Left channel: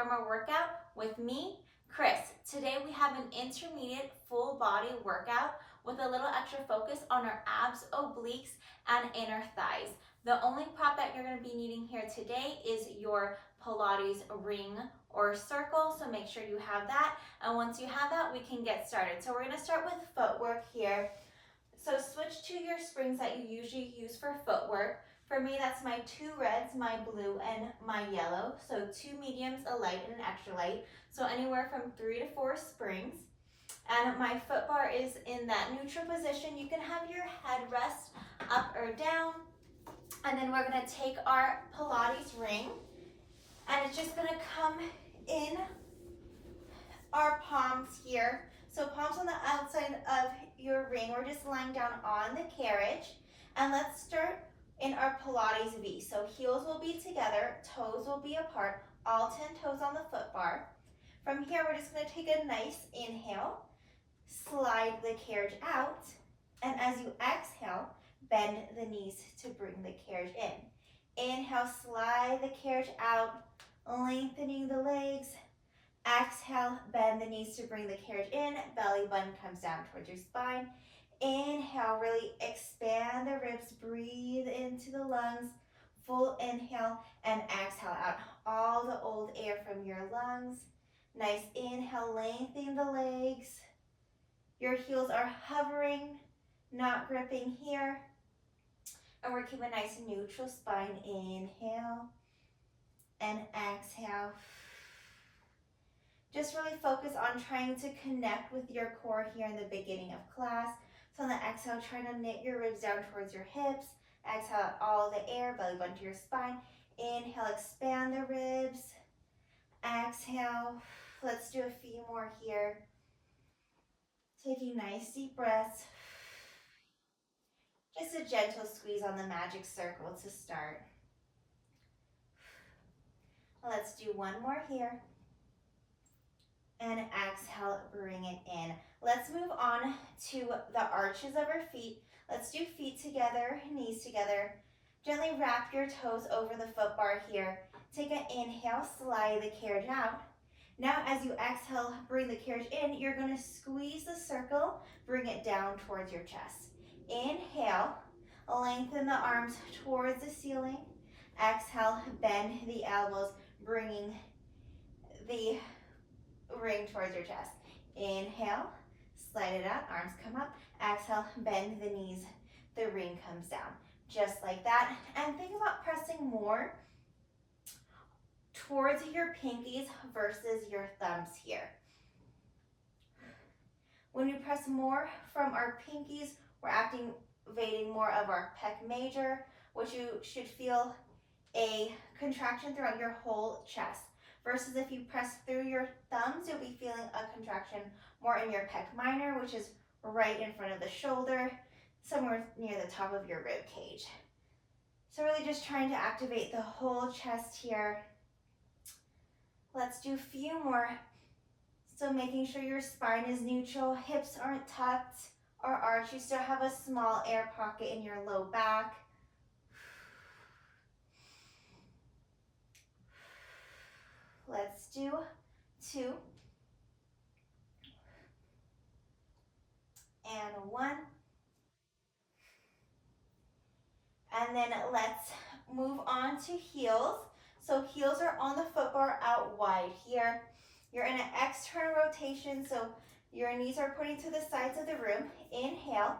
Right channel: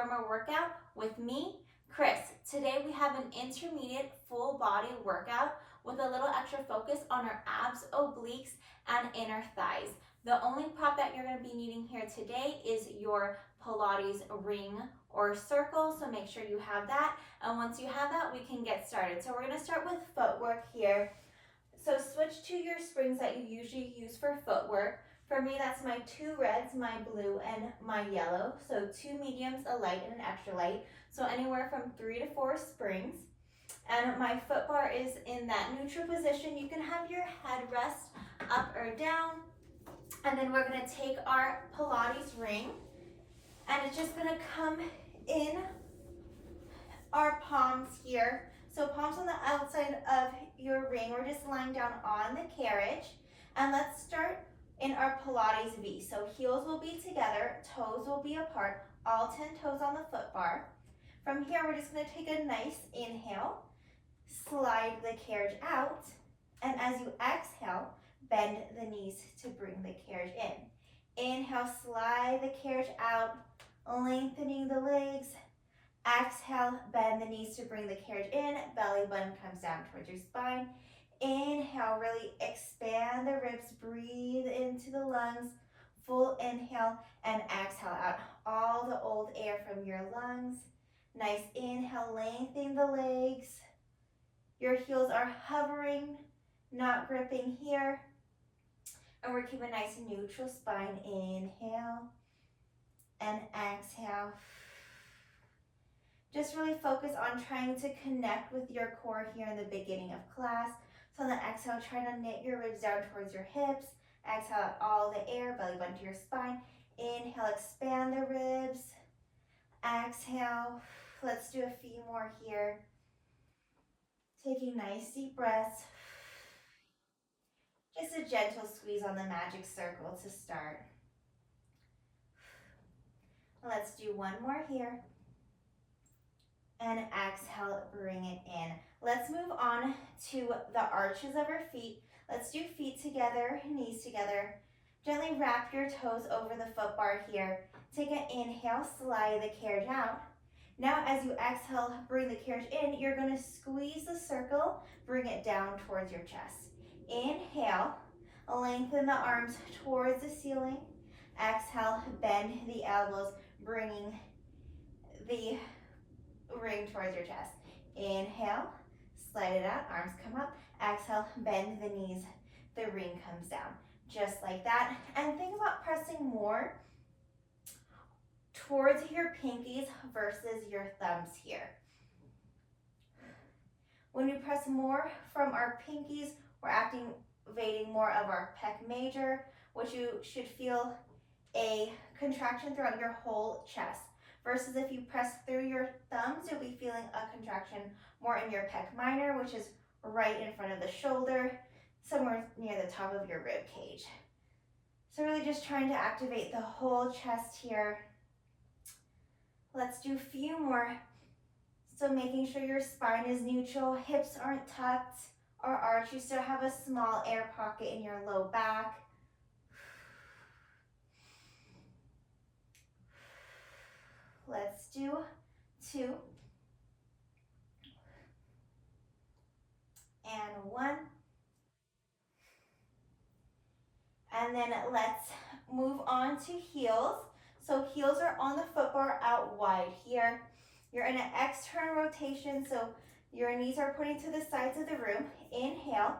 Reformer workout with me, Chris. Today we have an intermediate full body workout with a little extra focus on our abs, obliques, and inner thighs. The only prop that you're going to be needing here today is your Pilates ring or circle, so make sure you have that. And once you have that, we can get started. So we're going to start with footwork here. So switch to your springs that you usually use for footwork. For me, that's my 2 reds, my blue, and my yellow. So 2 mediums, a light, and an extra light. So anywhere from 3 to 4 springs. And my foot bar is in that neutral position. You can have your head rest up or down. And then we're gonna take our Pilates ring, and it's just gonna come in our palms here. So palms on the outside of your ring. We're just lying down on the carriage. And let's start in our Pilates V. So heels will be together, toes will be apart, all 10 toes on the foot bar. From here, we're just gonna take a nice inhale, slide the carriage out, and as you exhale, bend the knees to bring the carriage in. Inhale, slide the carriage out, lengthening the legs. Exhale, bend the knees to bring the carriage in. Belly button comes down towards your spine. Inhale, really expand the ribs, breathe into the lungs. Full inhale and exhale out all the old air from your lungs. Nice inhale, lengthening the legs. Your heels are hovering, not gripping here. And we're keeping a nice neutral spine. Inhale and exhale. Just really focus on trying to connect with your core here in the beginning of class. So on the exhale, try to knit your ribs down towards your hips. Exhale out all the air, belly button to your spine. Inhale, expand the ribs. Exhale. Let's do a few more here. Taking nice deep breaths. Just a gentle squeeze on the magic circle to start. Let's do one more here. And exhale, bring it in. Let's move on to the arches of our feet. Let's do feet together, knees together. Gently wrap your toes over the foot bar here. Take an inhale, slide the carriage out. Now as you exhale, bring the carriage in, you're gonna squeeze the circle, bring it down towards your chest. Inhale, lengthen the arms towards the ceiling. Exhale, bend the elbows, bringing the ring towards your chest. Inhale, slide it out, arms come up. Exhale, bend the knees, the ring comes down. Just like that. And think about pressing more towards your pinkies versus your thumbs here. When we press more from our pinkies, we're activating more of our pec major, which you should feel a contraction throughout your whole chest. Versus if you press through your thumbs, you'll be feeling a contraction more in your pec minor, which is right in front of the shoulder, somewhere near the top of your rib cage. So really just trying to activate the whole chest here. Let's do a few more. So making sure your spine is neutral, hips aren't tucked or arched. You still have a small air pocket in your low back. Let's do 2 and 1. And then let's move on to heels. So heels are on the foot bar out wide here. You're in an external rotation, so your knees are pointing to the sides of the room. Inhale,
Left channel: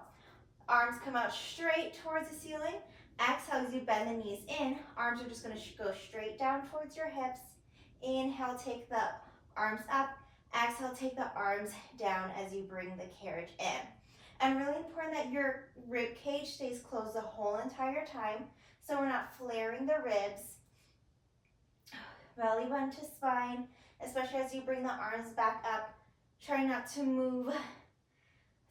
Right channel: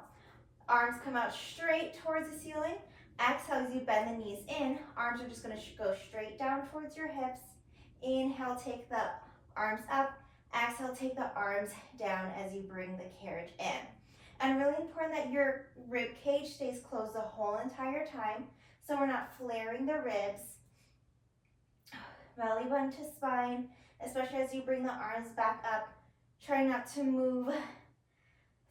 arms come out straight towards the ceiling. Exhale as you bend the knees in. Arms are just going to go straight down towards your hips. Inhale, take the arms up. Exhale, take the arms down as you bring the carriage in. And really important that your rib cage stays closed the whole entire time, so we're not flaring the ribs. Belly button to spine, especially as you bring the arms back up. Try not to move,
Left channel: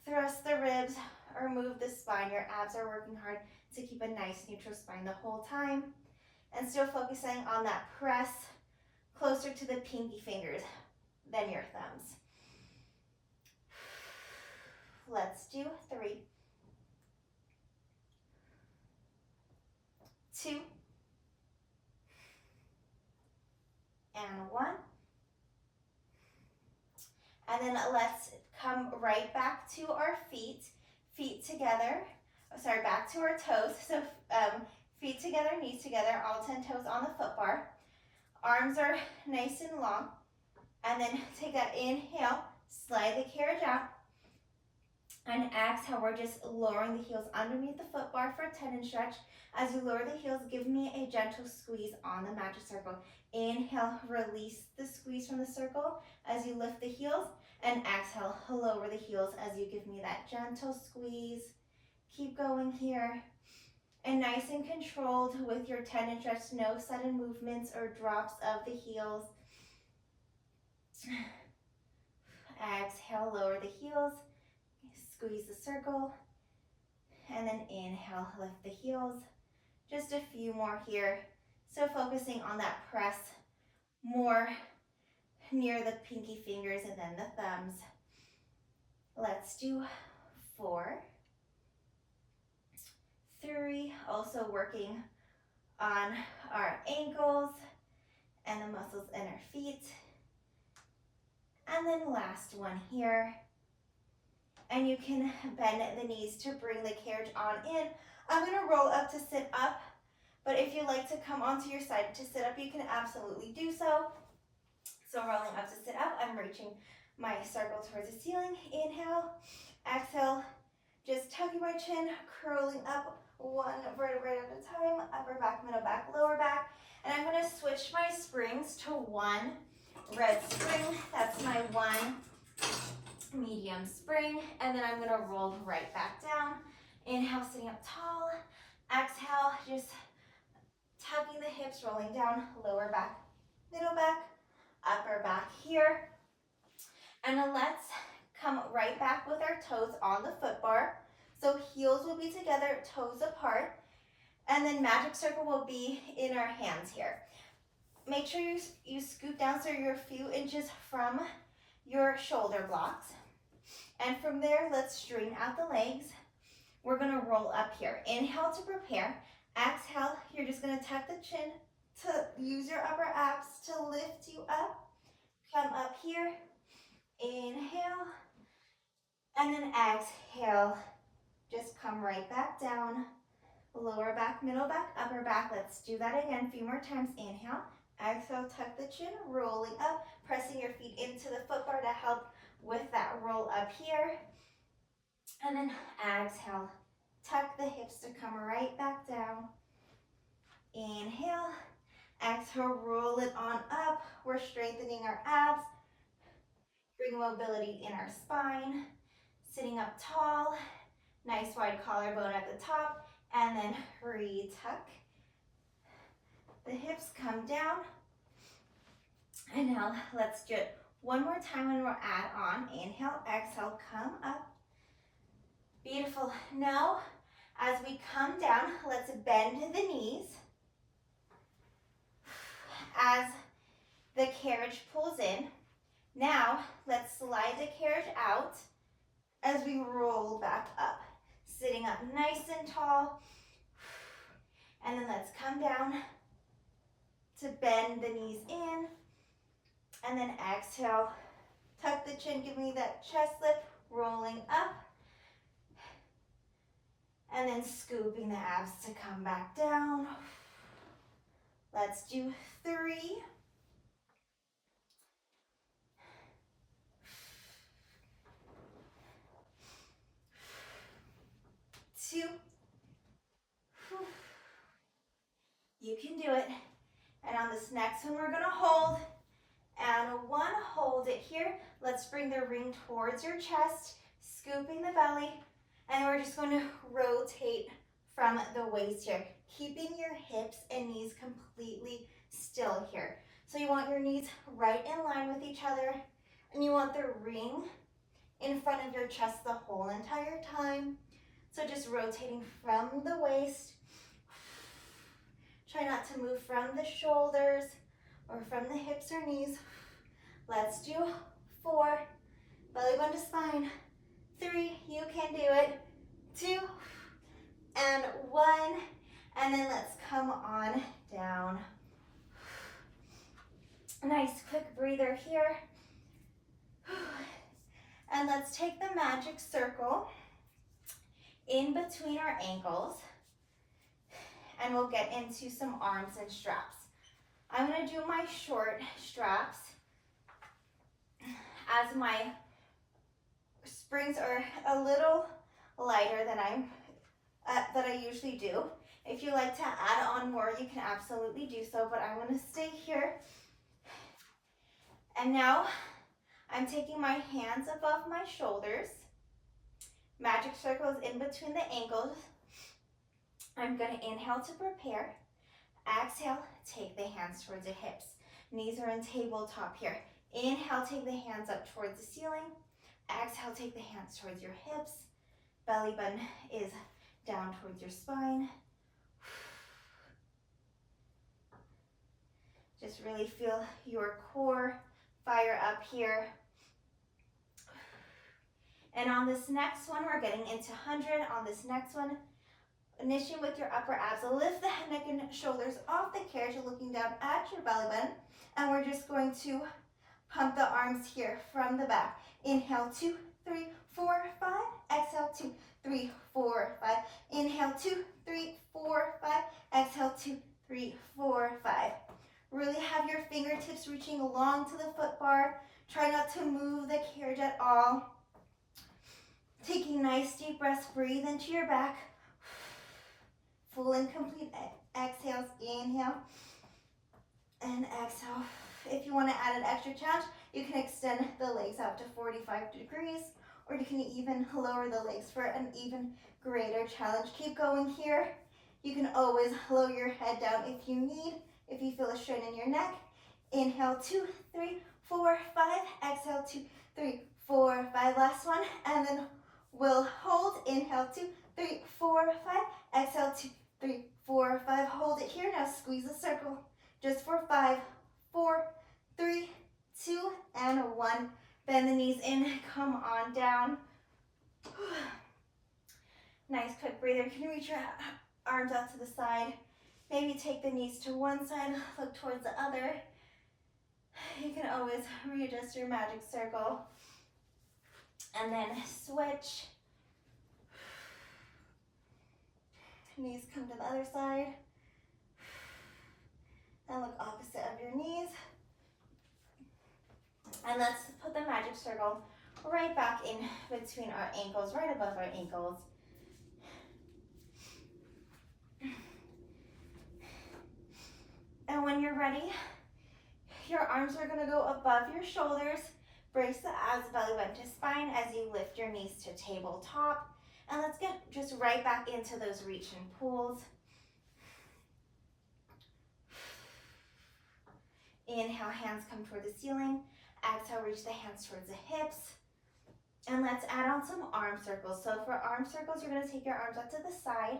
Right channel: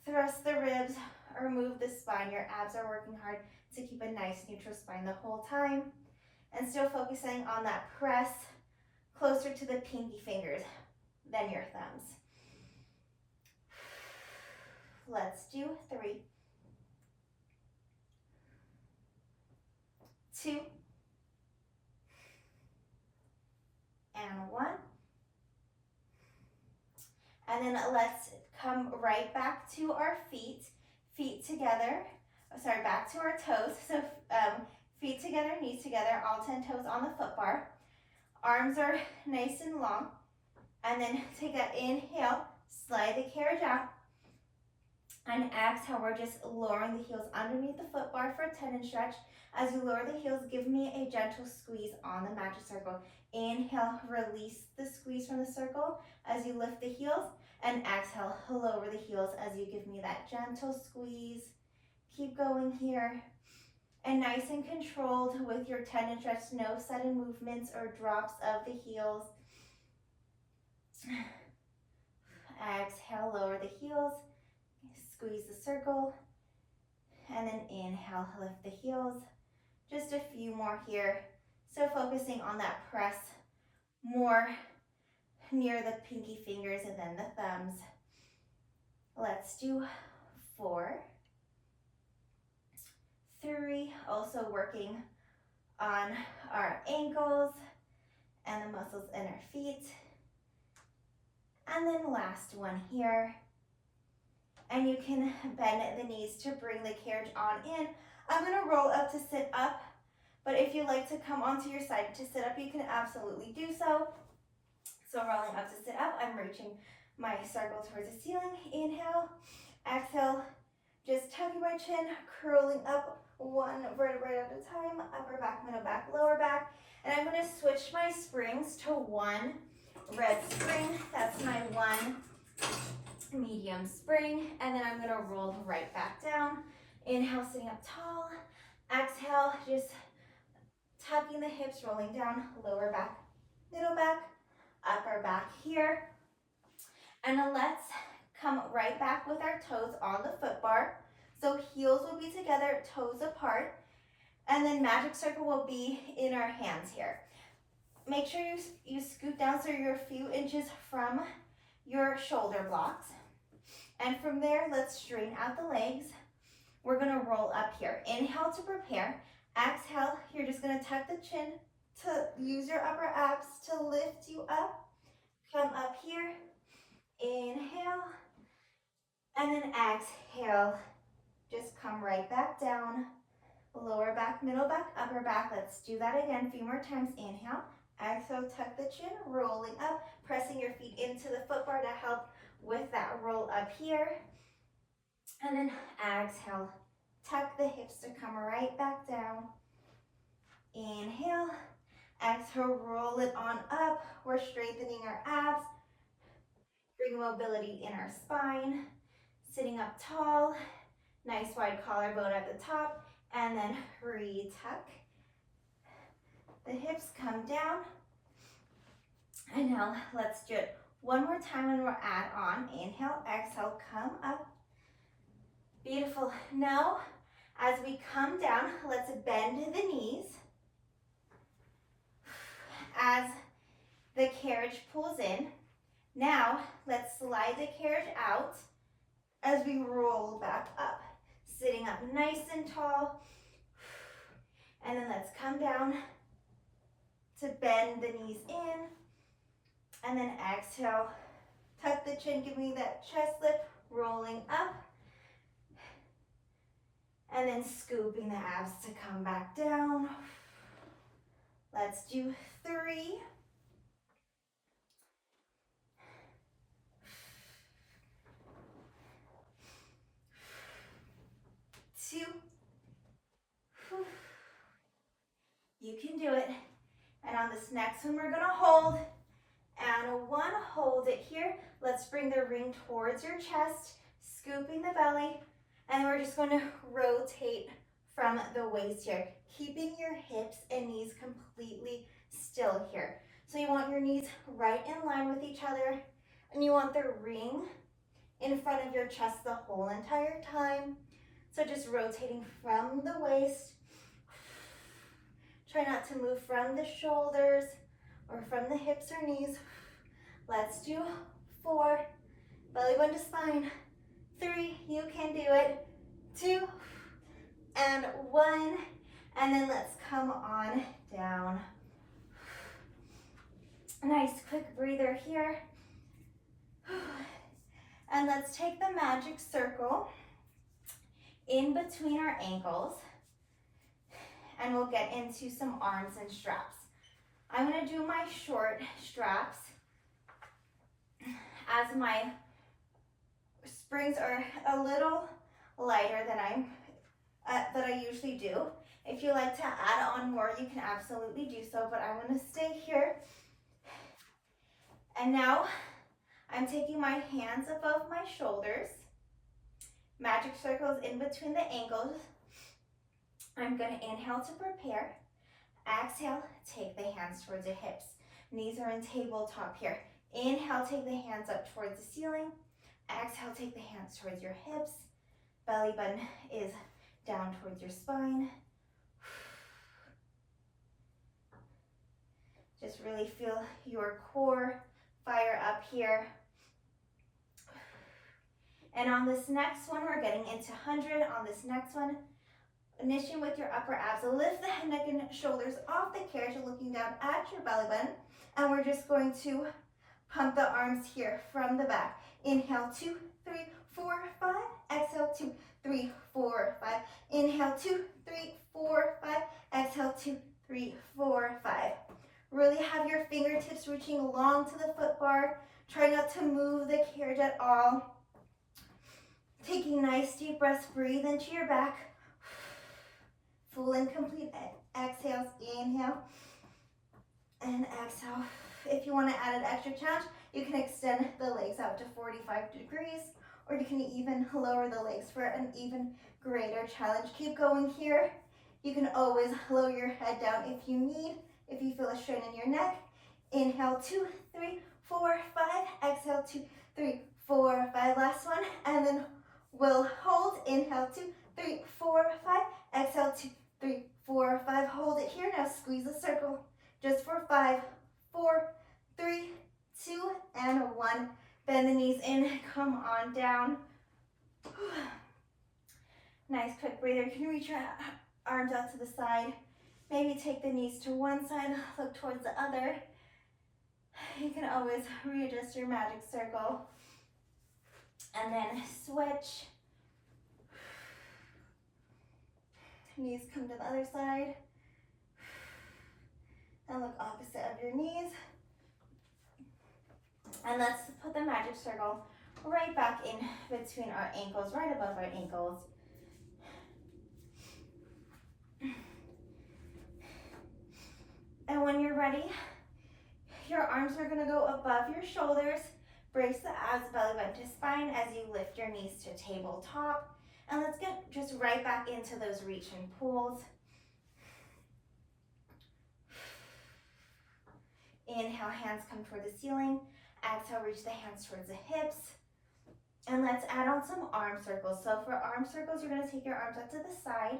thrust the ribs, or move the spine. Your abs are working hard to keep a nice neutral spine the whole time. And still focusing on that press closer to the pinky fingers than your thumbs. Let's do 3, 2, and 1. And then let's come right back to our feet together. Sorry, back to our toes. So feet together, knees together, all 10 toes on the foot bar. Arms are nice and long. And then take that inhale, slide the carriage out. And exhale, we're just lowering the heels underneath the foot bar for a tendon stretch. As you lower the heels, give me a gentle squeeze on the magic circle. Inhale, release the squeeze from the circle as you lift the heels. And exhale, lower the heels as you give me that gentle squeeze. Keep going here. And nice and controlled with your tendon stretch, no sudden movements or drops of the heels. Exhale, lower the heels. Squeeze the circle, and then inhale, lift the heels. Just a few more here. So focusing on that press more near the pinky fingers and then the thumbs. Let's do 4, 3, also working on our ankles and the muscles in our feet. And then last one here. And you can bend the knees to bring the carriage on in. I'm gonna roll up to sit up, but if you like to come onto your side to sit up, you can absolutely do so. So rolling up to sit up, I'm reaching my circle towards the ceiling. Inhale, exhale, just tucking my chin, curling up one vertebrae at a time, upper back, middle back, lower back. And I'm gonna switch my springs to one red spring. That's my one medium spring, and then I'm going to roll right back down. Inhale, sitting up tall. Exhale, just tucking the hips, rolling down, lower back, middle back, upper back here. And then let's come right back with our toes on the foot bar. So heels will be together, toes apart, and then magic circle will be in our hands here. Make sure you scoot down so you're a few inches from your shoulder blocks. And from there, let's straighten out the legs. We're gonna roll up here. Inhale to prepare. Exhale, you're just gonna tuck the chin to use your upper abs to lift you up. Come up here. Inhale. And then exhale. Just come right back down. Lower back, middle back, upper back. Let's do that again a few more times. Inhale. Exhale, tuck the chin, rolling up, pressing your feet into the foot bar to help with that roll up here. And then exhale, tuck the hips to come right back down. Inhale, exhale, roll it on up. We're strengthening our abs. Bring mobility in our spine. Sitting up tall, nice wide collarbone at the top, and then retuck. The hips come down. And now let's do it one more time when we're add on. Inhale, exhale, come up. Beautiful. Now, as we come down, let's bend the knees. As the carriage pulls in, now let's slide the carriage out as we roll back up. Sitting up nice and tall. And then let's come down to bend the knees in. And then exhale, tuck the chin, give me that chest lift, rolling up. And then scooping the abs to come back down. Let's do 3. 2. You can do it. And on this next one, we're gonna hold. And 1, hold it here. Let's bring the ring towards your chest, scooping the belly. And we're just going to rotate from the waist here, keeping your hips and knees completely still here. So you want your knees right in line with each other, and you want the ring in front of your chest the whole entire time. So just rotating from the waist. Try not to move from the shoulders or from the hips or knees. Let's do 4, belly button to spine. 3, you can do it. 2, and 1, and then let's come on down. Nice quick breather here. And let's take the magic circle in between our ankles, and we'll get into some arms and straps. I'm gonna do my short straps as my springs are a little lighter than I usually do. If you like to add on more, you can absolutely do so, but I'm gonna stay here. And now I'm taking my hands above my shoulders, magic circles in between the ankles. I'm gonna inhale to prepare. Exhale, take the hands towards the hips. Knees are in tabletop here. Inhale, take the hands up towards the ceiling. Exhale, take the hands towards your hips. Belly button is down towards your spine. Just really feel your core fire up here. And on this next one, we're getting into 100. On this next one, initiate with your upper abs. Lift the neck and shoulders off the carriage. You're looking down at your belly button. And we're just going to pump the arms here from the back. Inhale, 2, 3, 4, 5. Exhale, 2, 3, 4, 5. Inhale, 2, 3, 4, 5. Exhale, 2, 3, 4, 5. Really have your fingertips reaching along to the foot bar. Try not to move the carriage at all. Taking nice deep breaths, breathe into your back. Full and complete exhales. Inhale and exhale. If you want to add an extra challenge, you can extend the legs out to 45 degrees, or you can even lower the legs for an even greater challenge. Keep going here. You can always lower your head down if you need, if you feel a strain in your neck. Inhale, 2, 3, 4, 5. Exhale, 2, 3, 4, 5. Last one, and then we'll hold. Inhale, 2, 3, 4, 5. Exhale, 2, 3, 4, 5. Hold it here. Now squeeze the circle just for 5, 4, 3, 2, and 1. Bend the knees in. Come on down. Nice quick breather. You can reach your arms out to the side. Maybe take the knees to one side, look towards the other. You can always readjust your magic circle. And then switch. Knees come to the other side. And look opposite of your knees. And let's put the magic circle right back in between our ankles, right above our ankles. And when you're ready, your arms are going to go above your shoulders. Brace the abs, belly button to spine as you lift your knees to tabletop. And let's get just right back into those reach and pulls. Inhale, hands come toward the ceiling. Exhale, reach the hands towards the hips. And let's add on some arm circles. So for arm circles, you're going to take your arms up to the side.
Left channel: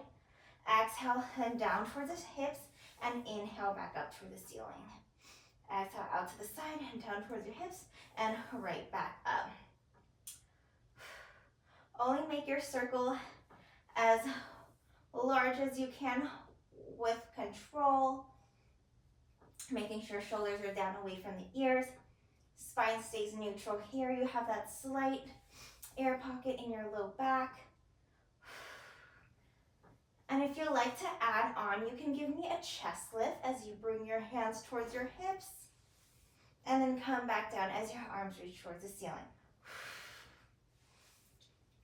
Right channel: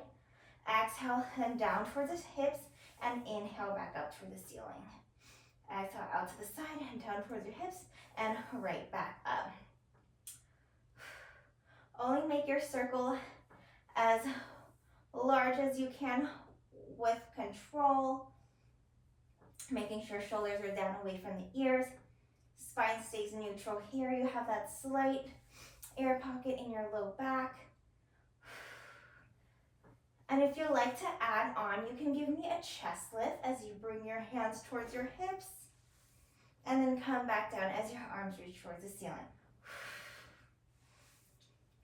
Exhale, and down towards the hips. And inhale back up toward the ceiling. Exhale out to the side and down towards your hips and right back up. Only make your circle as large as you can with control. Making sure shoulders are down away from the ears. Spine stays neutral here. You have that slight air pocket in your low back. And if you like to add on, you can give me a chest lift as you bring your hands towards your hips and then come back down as your arms reach towards the ceiling.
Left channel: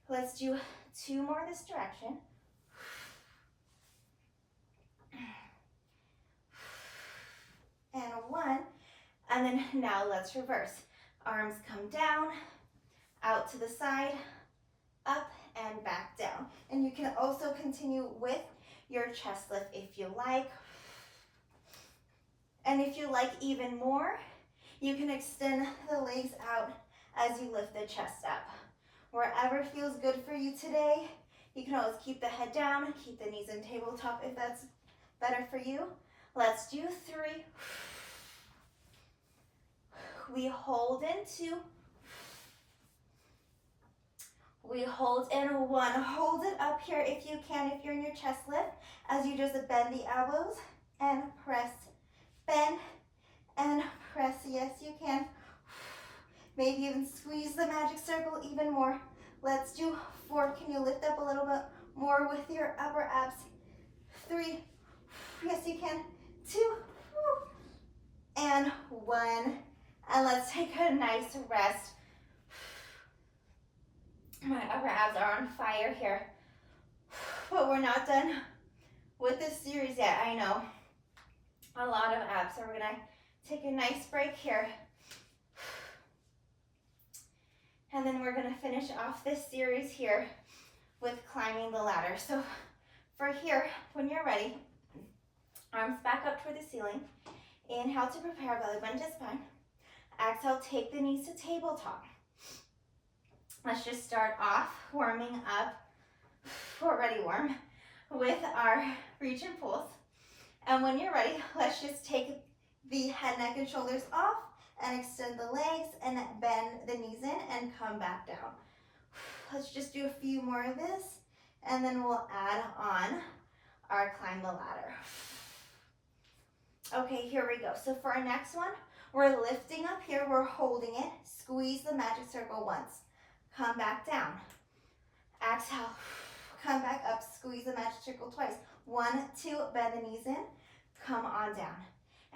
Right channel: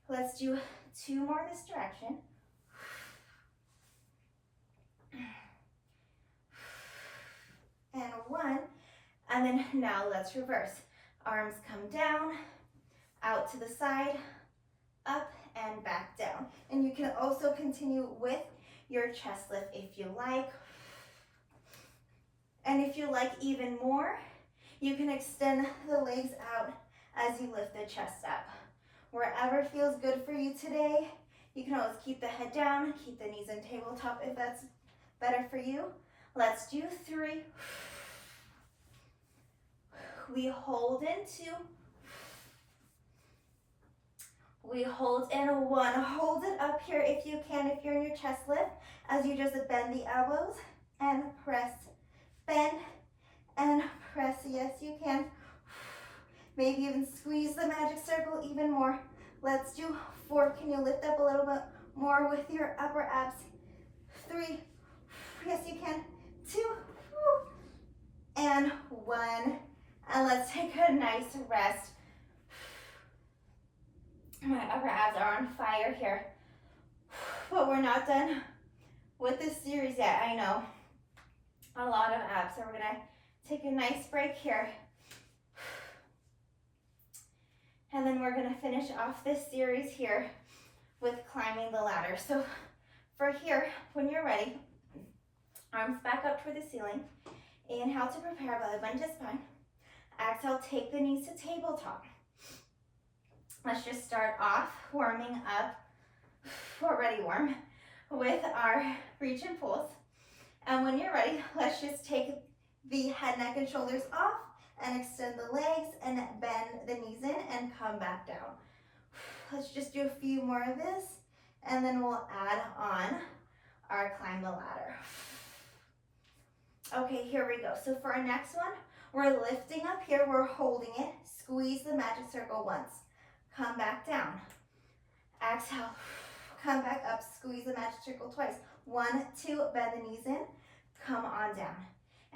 Let's do 2 more this direction. And 1. And then now let's reverse. Arms come down, out to the side, up and back down. And you can also continue with your chest lift if you like. And if you like even more, you can extend the legs out as you lift the chest up. Wherever feels good for you today, you can always keep the head down, keep the knees in tabletop if that's better for you. Let's do 3. We hold in 2. We hold in 1. Hold it up here if you can, if you're in your chest lift, as you just bend the elbows and press. Bend and press. Yes, you can. Maybe even squeeze the magic circle even more. Let's do 4. Can you lift up a little bit more with your upper abs? 3. Yes, you can. 2. And 1. And let's take a nice rest. My upper abs are on fire here. But we're not done with this series yet, I know. A lot of abs, so we're gonna take a nice break here. And then we're gonna finish off this series here with climbing the ladder. So for here, when you're ready, arms back up toward the ceiling. Inhale to prepare, belly button to spine. Exhale, take the knees to tabletop. Let's just start off warming up, already warm, with our reach and pulls. And when you're ready, let's just take the head, neck, and shoulders off and extend the legs and bend the knees in and come back down. Let's just do a few more of this, and then we'll add on our climb the ladder. Okay, here we go. So for our next one, we're lifting up here, we're holding it, squeeze the magic circle once, come back down. Exhale, come back up, squeeze the magic circle twice. 1, 2, bend the knees in, come on down.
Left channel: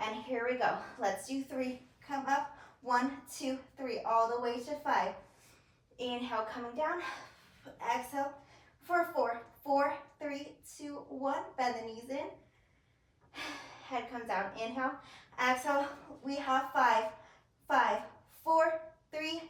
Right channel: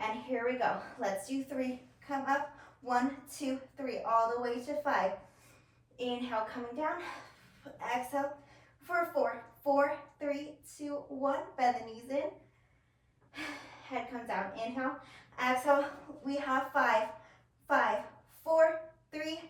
And here we go. Let's do 3, come up, 1, 2, 3, all the way to 5. Inhale, coming down, exhale for 4, 4, 3, 2, 1, bend the knees in, head comes down, inhale, exhale, we have 5, 5, 4, 3,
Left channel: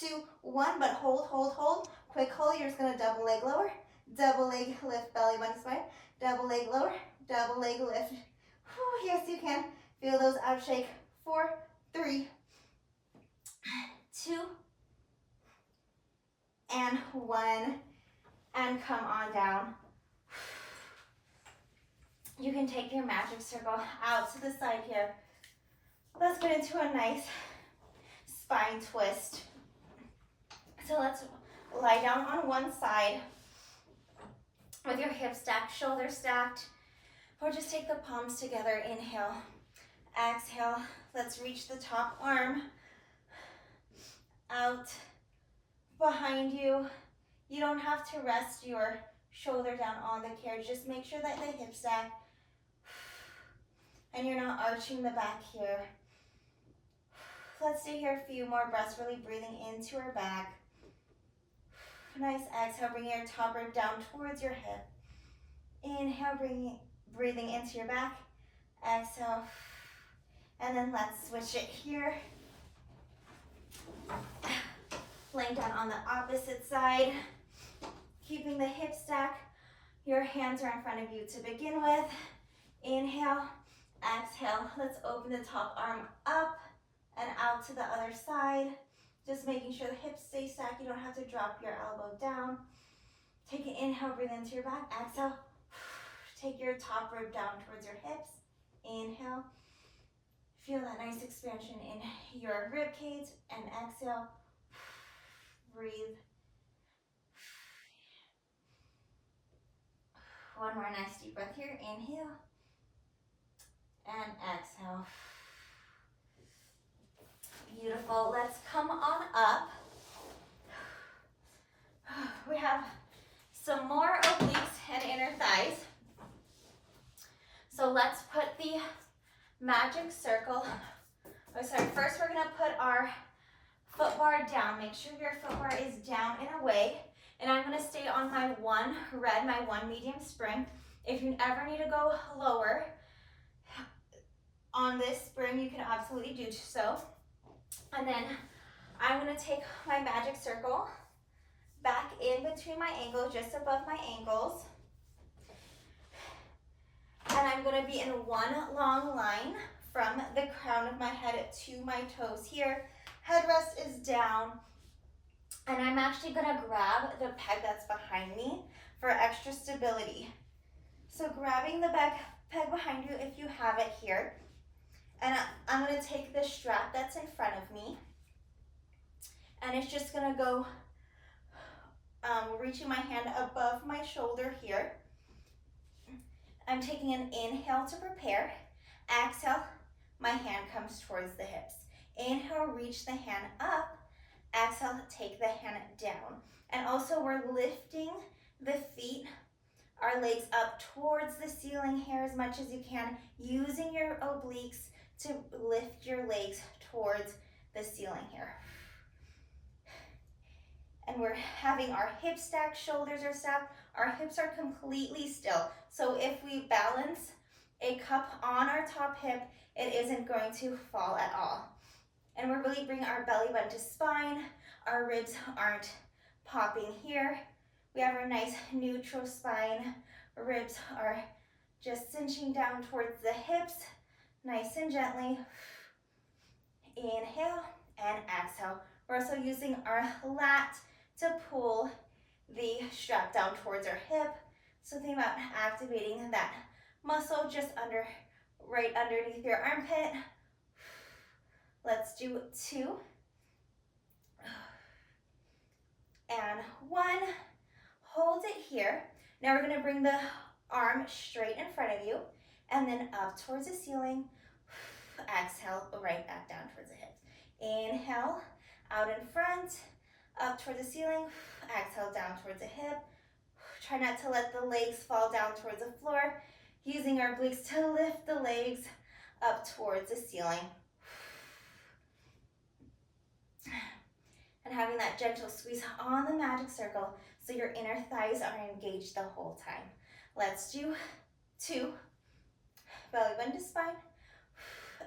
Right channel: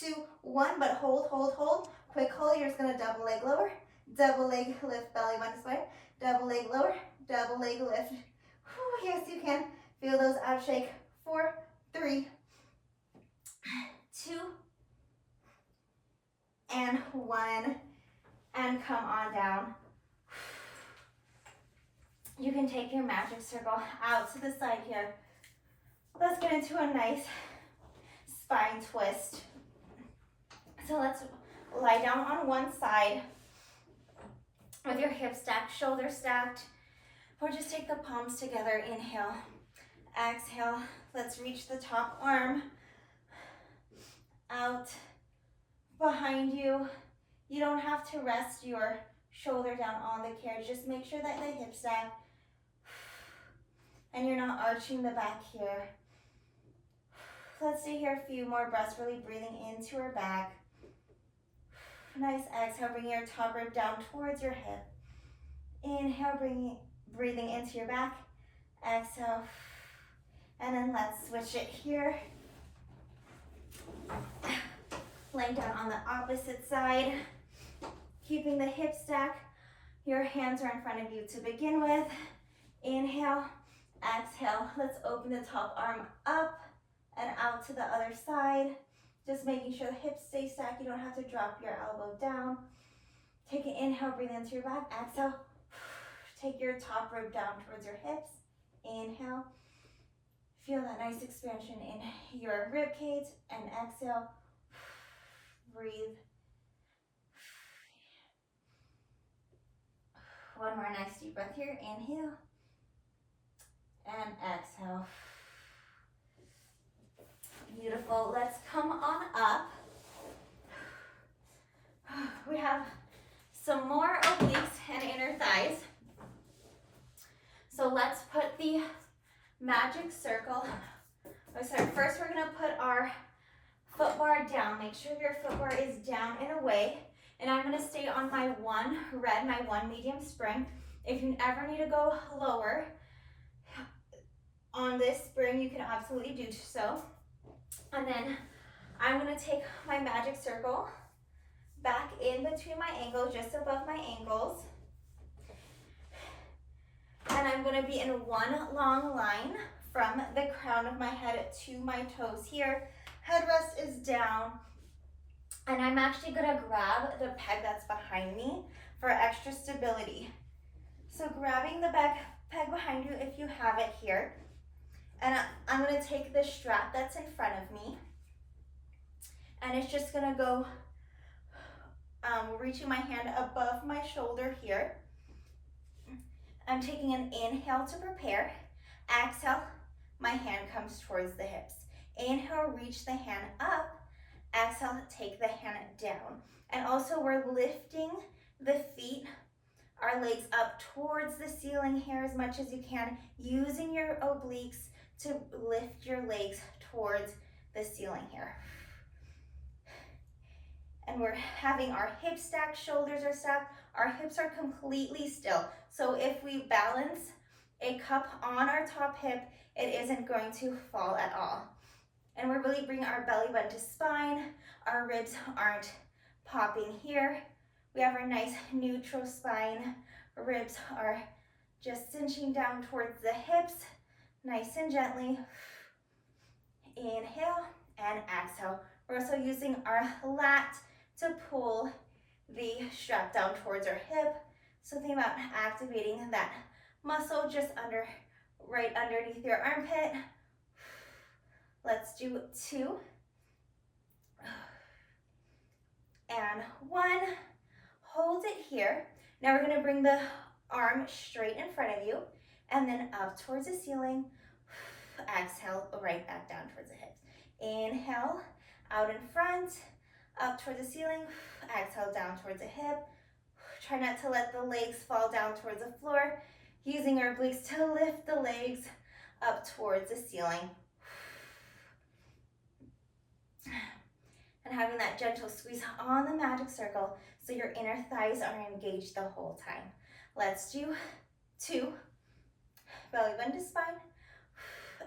2, 1, but hold, hold, hold, quick hold, you're just gonna double leg lower, double leg lift, belly button spine, double leg lower, double leg lift. Whew, yes, you can. Feel those abs shake. 4, 3, 2, and 1, and come on down. You can take your magic circle out to the side here. Let's get into a nice spine twist. So let's lie down on one side with your hips stacked, shoulders stacked, or just take the palms together. Inhale, exhale. Let's reach the top arm out behind you. You don't have to rest your shoulder down on the carriage. Just make sure that the hips stack and you're not arching the back here. Let's stay here a few more breaths, really breathing into our back. Nice exhale, bring your top rib down towards your hip. Inhale, breathing into your back. Exhale, and then let's switch it here. Laying down on the opposite side, keeping the hips stacked. Your hands are in front of you to begin with. Inhale, exhale. Let's open the top arm up and out to the other side. Just making sure the hips stay stacked. You don't have to drop your elbow down. Take an inhale, breathe into your back. Exhale, take your top rib down towards your hips. Inhale. Feel that nice expansion in your rib cage, and exhale. Breathe. One more nice deep breath here. Inhale and exhale. Beautiful. Let's come on up. We have some more obliques and inner thighs. So let's put the magic circle. First we're gonna put our foot bar down. Make sure your foot bar is down and away. And I'm gonna stay on my one red, my one medium spring. If you ever need to go lower on this spring, you can absolutely do so. And then I'm gonna take my magic circle back in between my ankles, just above my ankles. And I'm gonna be in one long line from the crown of my head to my toes here. Headrest is down. And I'm actually gonna grab the peg that's behind me for extra stability. So grabbing the peg behind you if you have it here. And I'm gonna take the strap that's in front of me. And it's just gonna go, reaching my hand above my shoulder here. I'm taking an inhale to prepare. Exhale, my hand comes towards the hips. Inhale, reach the hand up. Exhale, take the hand down. And also we're lifting the feet, our legs up towards the ceiling here as much as you can, using your obliques to lift your legs towards the ceiling here. And we're having our hips stacked, shoulders are stacked, our hips are completely still. So if we balance a cup on our top hip, it isn't going to fall at all. And we're really bringing our belly button to spine. Our ribs aren't popping here. We have our nice neutral spine. Ribs are just cinching down towards the hips, nice and gently. Inhale and exhale. We're also using our lat to pull the strap down towards our hip. So think about activating that muscle just right underneath your armpit. Let's do 2 and 1. Hold it here. Now we're going to bring the arm straight in front of you and then up towards the ceiling. Exhale, right back down towards the hips. Inhale, out in front, up towards the ceiling. Exhale, down towards the hip. Try not to let the legs fall down towards the floor. Using our obliques to lift the legs up towards the ceiling. And having that gentle squeeze on the magic circle so your inner thighs are engaged the whole time. Let's do 2. Belly button to spine.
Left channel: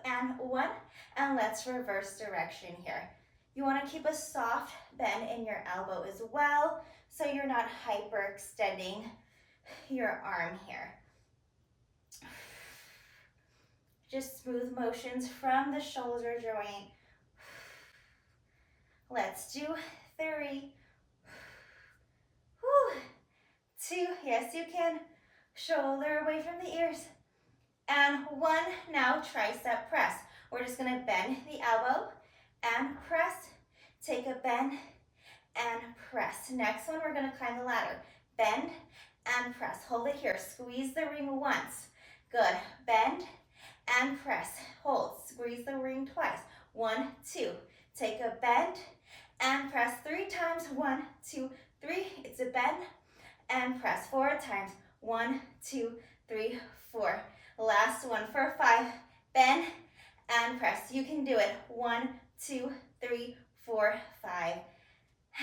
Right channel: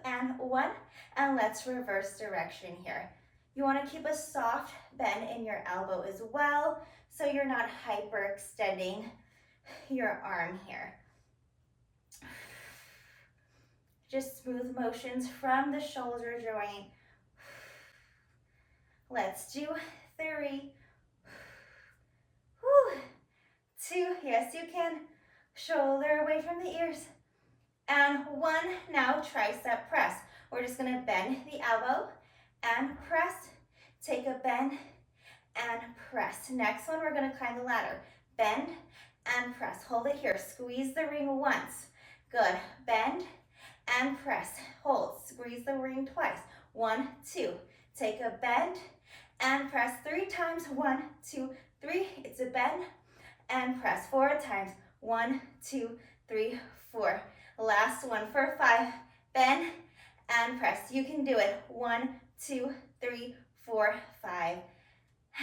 And 1. And let's reverse direction here. You want to keep a soft bend in your elbow as well, so you're not hyperextending your arm here. Just smooth motions from the shoulder joint. Let's do 3. 2, yes you can. Shoulder away from the ears. And 1, now tricep press. We're just gonna bend the elbow and press, take a bend and press. Next one, we're gonna climb the ladder. Bend and press, hold it here. Squeeze the ring once. Good, bend and press, hold, squeeze the ring twice. 1, 2, take a bend and press 3 times. 1, 2, 3, it's a bend and press 4 times. 1, 2, 3, 4. Last one for 5, bend and press. You can do it. 1, 2, 3, 4, 5.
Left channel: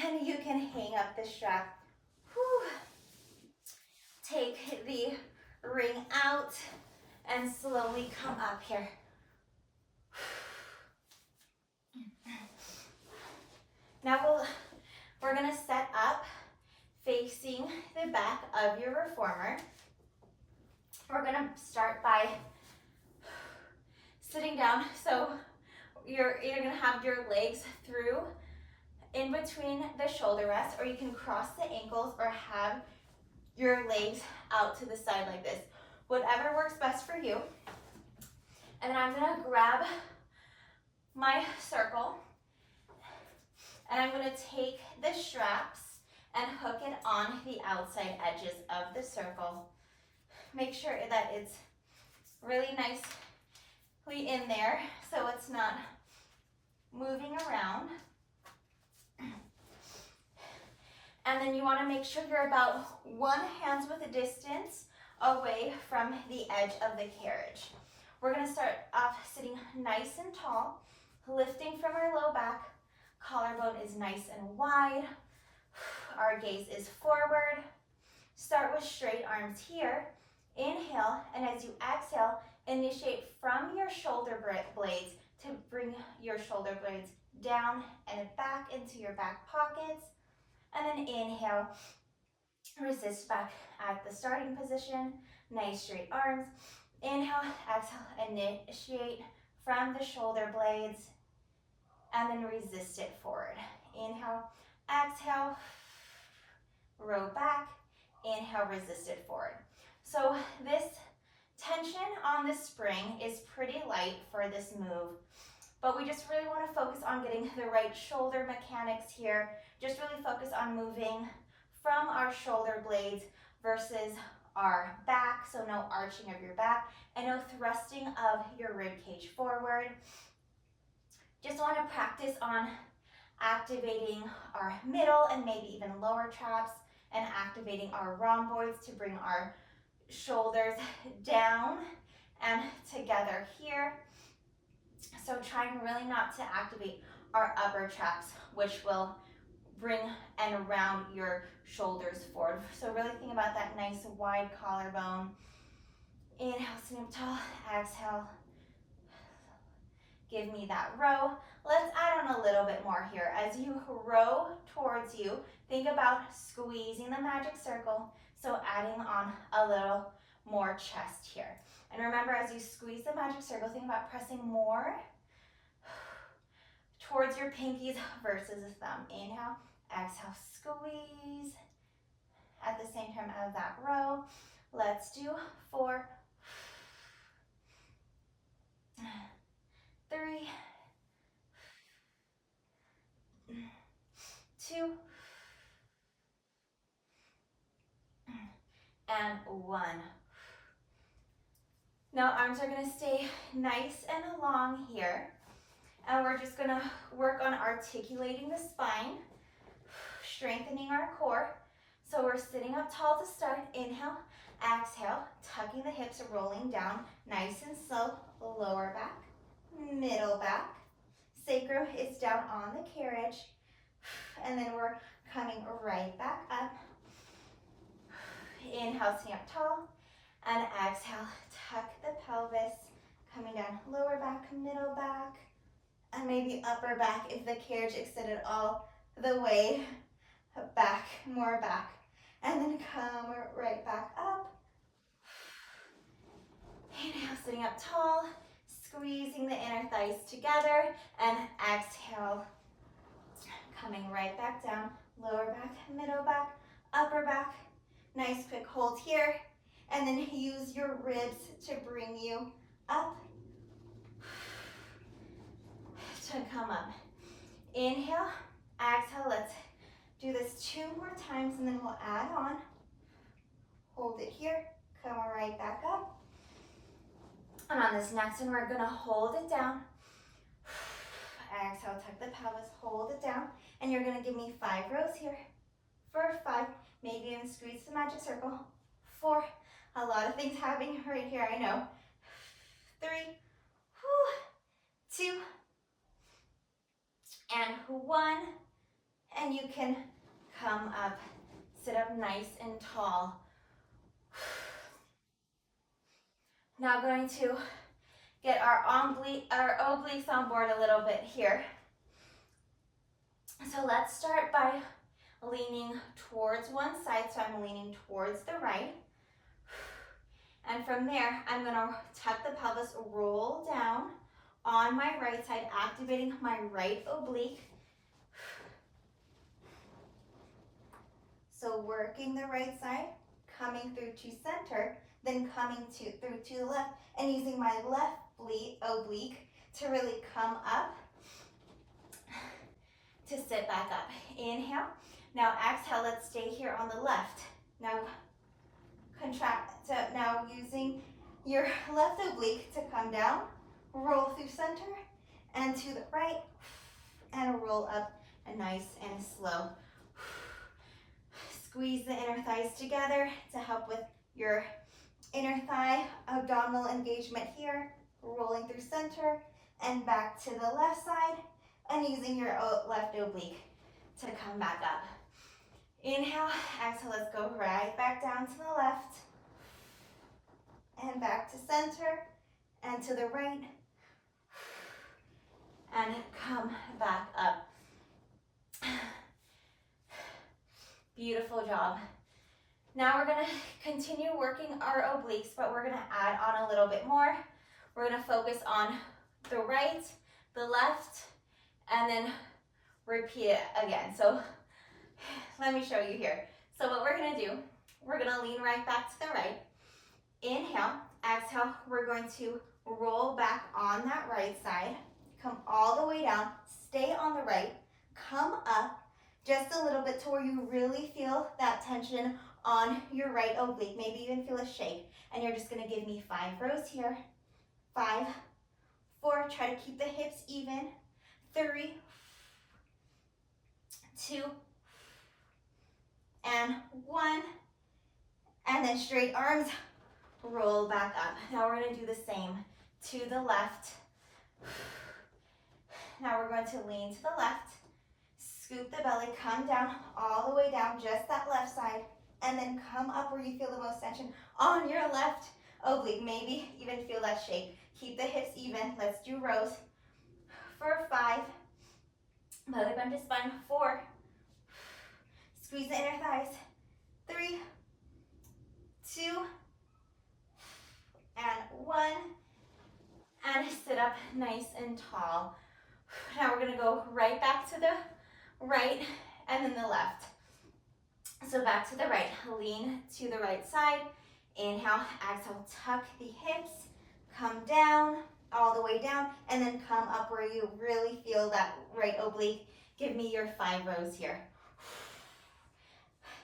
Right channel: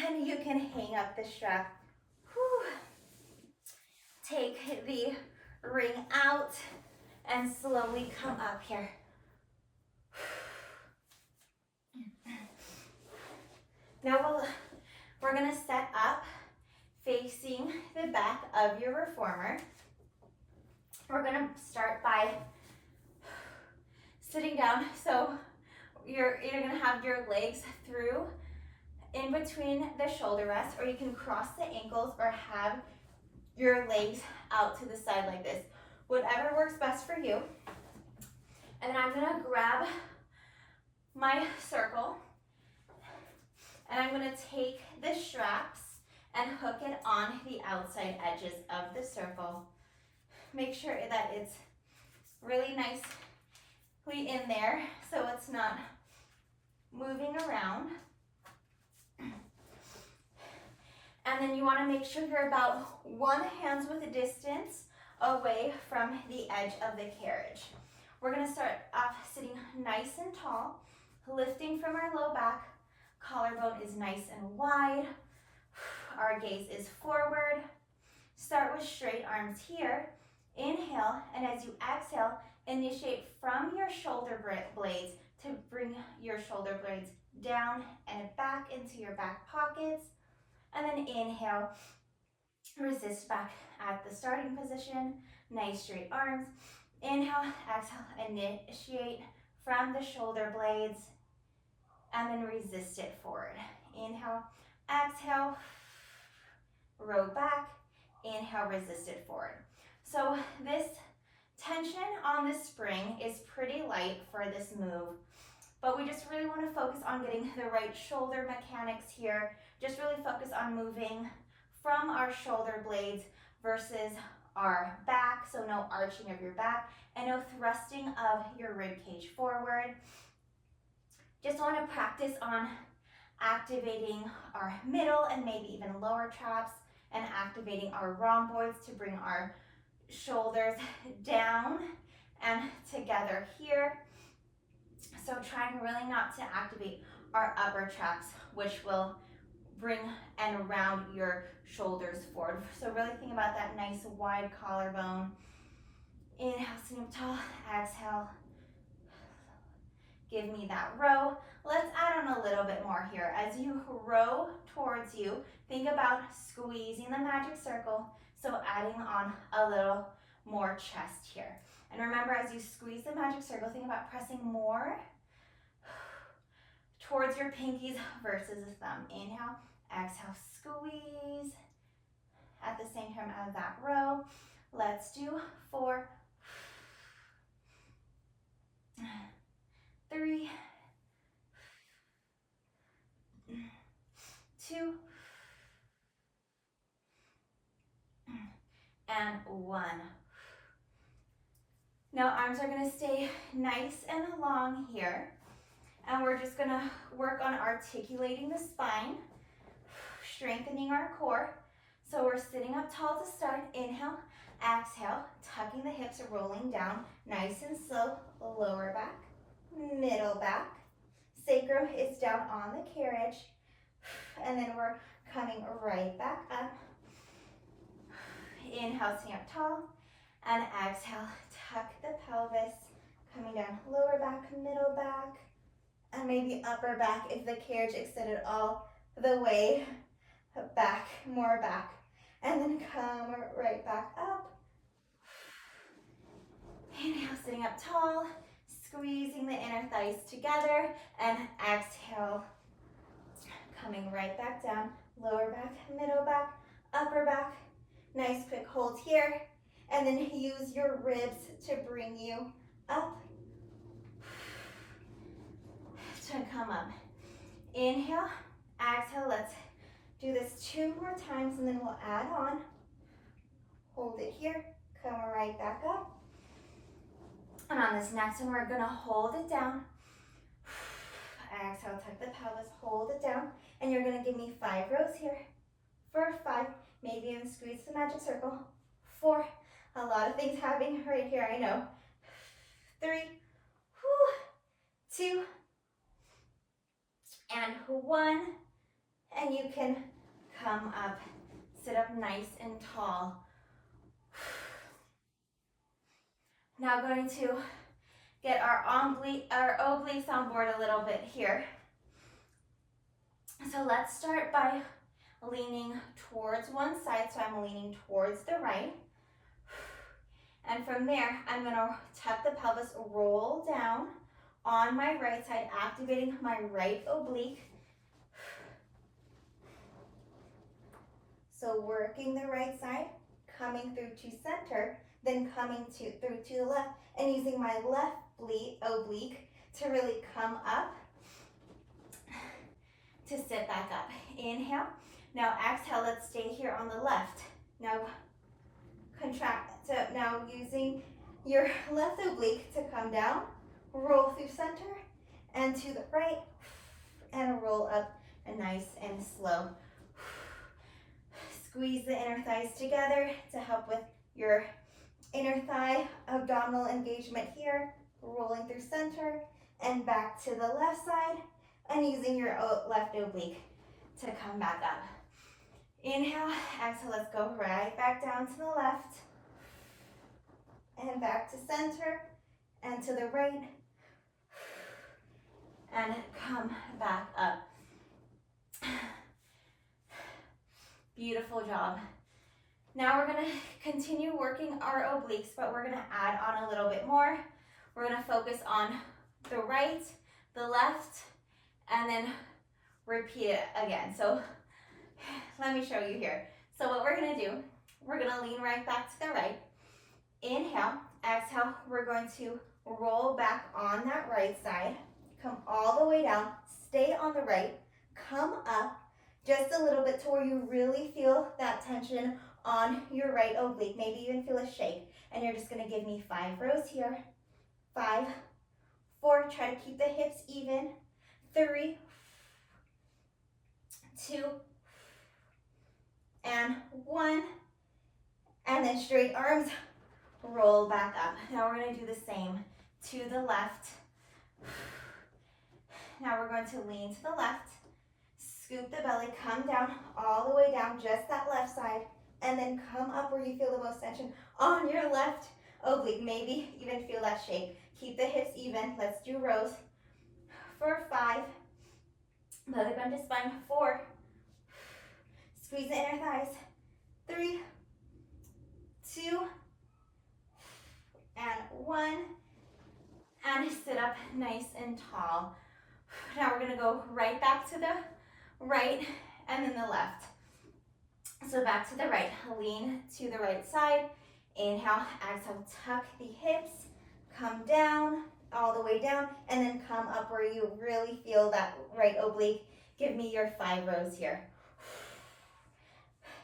And you can hang up the strap. Whew. Take the ring out and slowly come up here. Now we're gonna set up facing the back of your reformer. We're gonna start by sitting down. So you're either gonna have your legs through in between the shoulder rest, or you can cross the ankles or have your legs out to the side like this. Whatever works best for you. And then I'm gonna grab my circle and I'm gonna take the straps and hook it on the outside edges of the circle. Make sure that it's really nicely in there so it's not moving around. And then you want to make sure you're about 1 hand's width distance away from the edge of the carriage. We're going to start off sitting nice and tall, lifting from our low back. Collarbone is nice and wide. Our gaze is forward. Start with straight arms here. Inhale, and as you exhale, initiate from your shoulder blades to bring your shoulder blades down and back into your back pockets. And then inhale, resist back at the starting position. Nice straight arms. Inhale, exhale, initiate from the shoulder blades and then resist it forward. Inhale, exhale, row back. Inhale, resist it forward. So this tension on the spring is pretty light for this move, but we just really want to focus on getting the right shoulder mechanics here. Just really focus on moving from our shoulder blades versus our back, so no arching of your back and no thrusting of your rib cage forward. Just want to practice on activating our middle and maybe even lower traps, and activating our rhomboids to bring our shoulders down and together here. So trying really not to activate our upper traps, which will bring and round your shoulders forward. So really think about that nice wide collarbone. Inhale, sitting up tall, exhale. Give me that row. Let's add on a little bit more here. As you row towards you, think about squeezing the magic circle. So adding on a little more chest here. And remember, as you squeeze the magic circle, think about pressing more towards your pinkies versus the thumb. Inhale, exhale, squeeze. At the same time as that row, let's do 4, 3, 2, and 1. Now arms are going to stay nice and long here. And we're just going to work on articulating the spine, strengthening our core. So we're sitting up tall to start. Inhale, exhale, tucking the hips, rolling down, nice and slow. Lower back, middle back. Sacrum is down on the carriage. And then we're coming right back up. Inhale, sitting up tall. And exhale, tuck the pelvis. Coming down, lower back, middle back. And maybe upper back if the carriage extended all the way back, more back. And then come right back up. Inhale, sitting up tall, squeezing the inner thighs together, and exhale, coming right back down, lower back, middle back, upper back. Nice quick hold here, and then use your ribs to bring you up. To come up. Inhale, exhale, let's do this 2 more times and then we'll add on. Hold it here, come right back up. And on this next one, we're gonna hold it down. Exhale, tuck the pelvis, hold it down. And you're gonna give me 5 rows here. For 5, maybe even squeeze the magic circle. 4, a lot of things happening right here, I know. 3, 2, and 1, and you can come up, sit up nice and tall. Now going to get our obliques on board a little bit here. So let's start by leaning towards one side, so I'm leaning towards the right. And from there, I'm gonna tuck the pelvis, roll down on my right side, activating my right oblique. So working the right side, coming through to center, then coming through to the left, and using my left oblique to really come up to sit back up. Inhale. Now exhale, let's stay here on the left. Now contract, so now using your left oblique to come down, roll through center and to the right, and roll up and nice and slow. Squeeze the inner thighs together to help with your inner thigh abdominal engagement here, rolling through center and back to the left side, and using your left oblique to come back up. Inhale, exhale, let's go right back down to the left, and back to center, and to the right, and come back up. Beautiful job. Now we're gonna continue working our obliques, but we're gonna add on a little bit more. We're gonna focus on the right, the left, and then repeat it again. So let me show you here. So what we're gonna do, we're gonna lean right back to the right. Inhale, exhale, we're going to roll back on that right side, come all the way down, stay on the right, come up just a little bit to where you really feel that tension on your right oblique, maybe even feel a shake. And you're just gonna give me 5 rows here. 5, 4, try to keep the hips even. 3, 2, and 1. And then straight arms, roll back up. Now we're going to do the same to the left. Now we're going to lean to the left, scoop the belly, come down all the way down, just that left side, and then come up where you feel the most tension on your left oblique. Maybe even feel that shake. Keep the hips even. Let's do rows for 5. Belly bend to spine. 4. Squeeze the inner thighs. 3, 2, and 1. And sit up nice and tall. Now we're gonna go right back to the right and then the left. So back to the right, lean to the right side. Inhale, exhale, tuck the hips, come down, all the way down, and then come up where you really feel that right oblique. Give me your 5 rows here.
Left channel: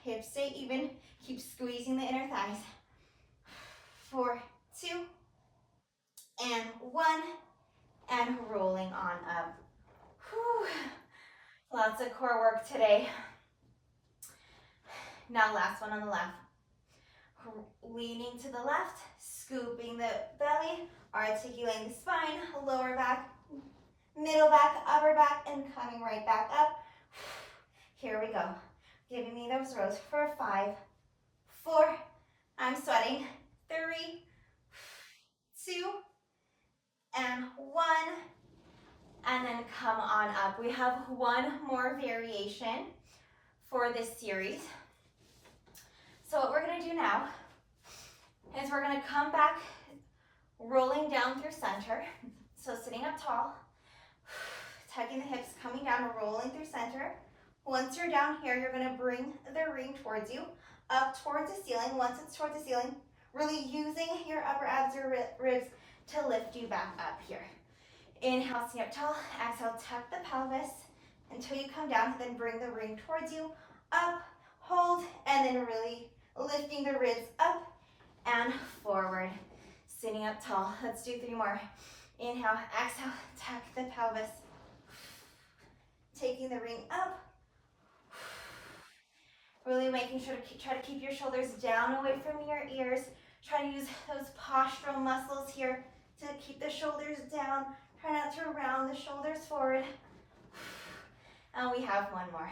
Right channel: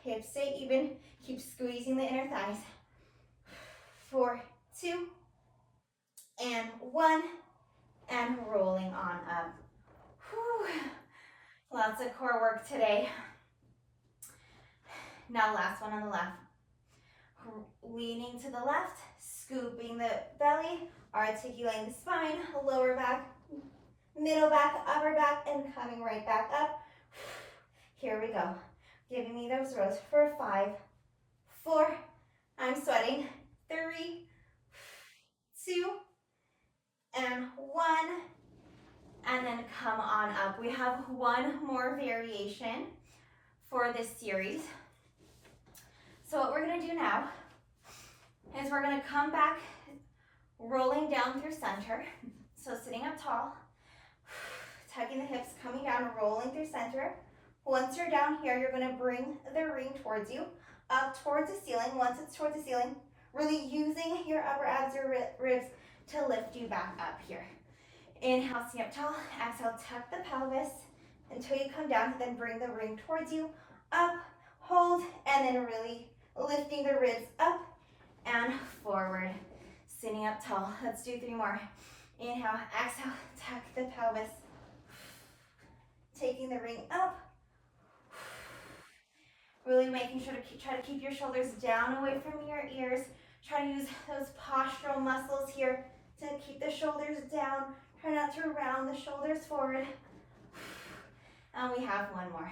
Hips stay even, keep squeezing the inner thighs. 4, 2, and 1, and rolling on up. Whew. Lots of core work today. Now last one on the left. Leaning to the left, scooping the belly, articulating the spine, lower back, middle back, upper back, and coming right back up. Here we go. Giving me those rows for 5, 4, I'm sweating, 3, 2, and 1, and then come on up. We have one more variation for this series. So what we're gonna do now is we're gonna come back, rolling down through center. So sitting up tall, tucking the hips, coming down, rolling through center. Once you're down here, you're gonna bring the ring towards you, up towards the ceiling. Once it's towards the ceiling, really using your upper abs, your ribs to lift you back up here. Inhale, sit up tall. Exhale, tuck the pelvis until you come down, then bring the ring towards you, up, hold, and then really lifting the ribs up and forward. Sitting up tall. Let's do 3 more. Inhale, exhale, tuck the pelvis. Taking the ring up. Really making sure to try to keep your shoulders down away from your ears. Try to use those postural muscles here to keep the shoulders down. Try not to round the shoulders forward. And we have one more.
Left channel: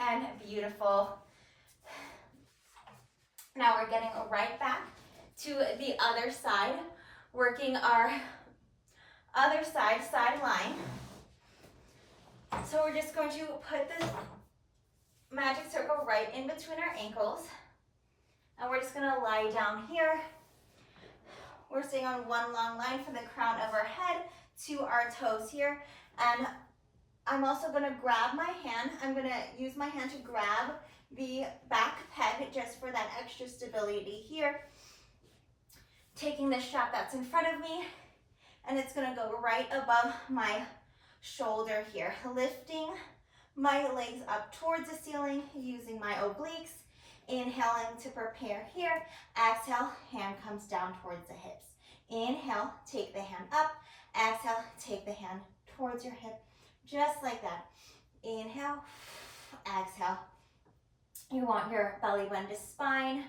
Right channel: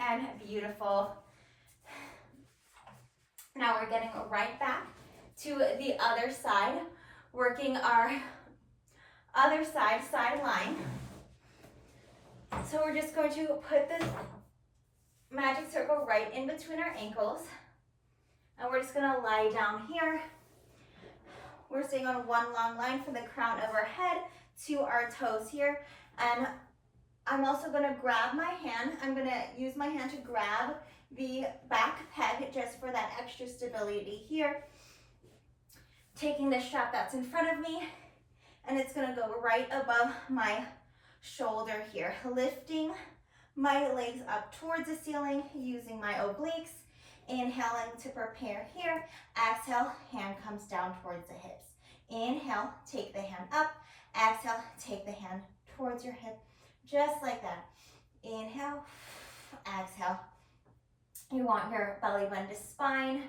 And beautiful. Now we're getting right back to the other side, working our other side line. So we're just going to put the magic circle right in between our ankles. And we're just gonna lie down here. We're staying on one long line from the crown of our head to our toes here. And I'm also gonna grab my hand. I'm gonna use my hand to grab the back peg just for that extra stability here. Taking the strap that's in front of me, and it's gonna go right above my shoulder here. Lifting my legs up towards the ceiling, using my obliques. Inhaling to prepare here. Exhale, hand comes down towards the hips. Inhale, take the hand up. Exhale, take the hand towards your hip. Just like that. Inhale, exhale. You want your belly bend to spine.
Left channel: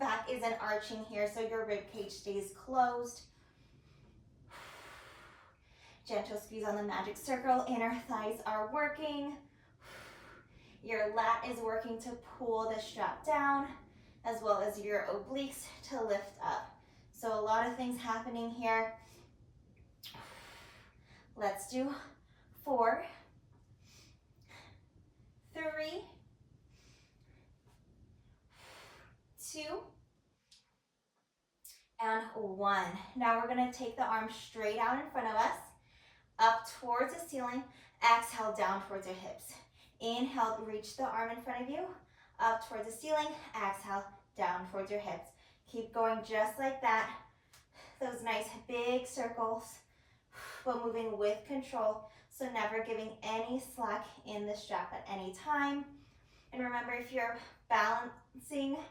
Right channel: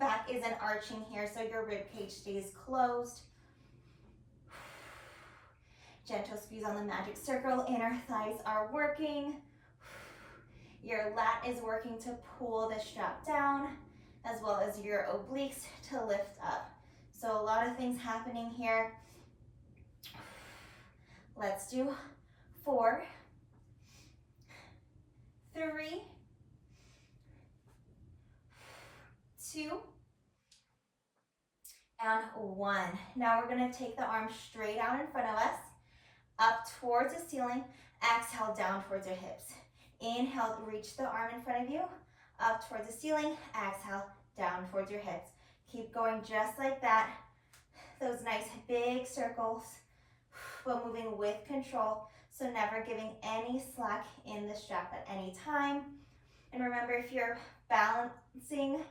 Back isn't arching here, so your rib cage stays closed. Gentle squeeze on the magic circle. Inner thighs are working. Your lat is working to pull the strap down, as well as your obliques to lift up. So a lot of things happening here. Let's do 4, 3, 2, and 1. Now we're gonna take the arms straight out in front of us, up towards the ceiling. Exhale, down towards your hips. Inhale, reach the arm in front of you, up towards the ceiling. Exhale, down towards your hips. Keep going just like that. Those nice big circles, but moving with control. So never giving any slack in the strap at any time. And remember, if you're balancing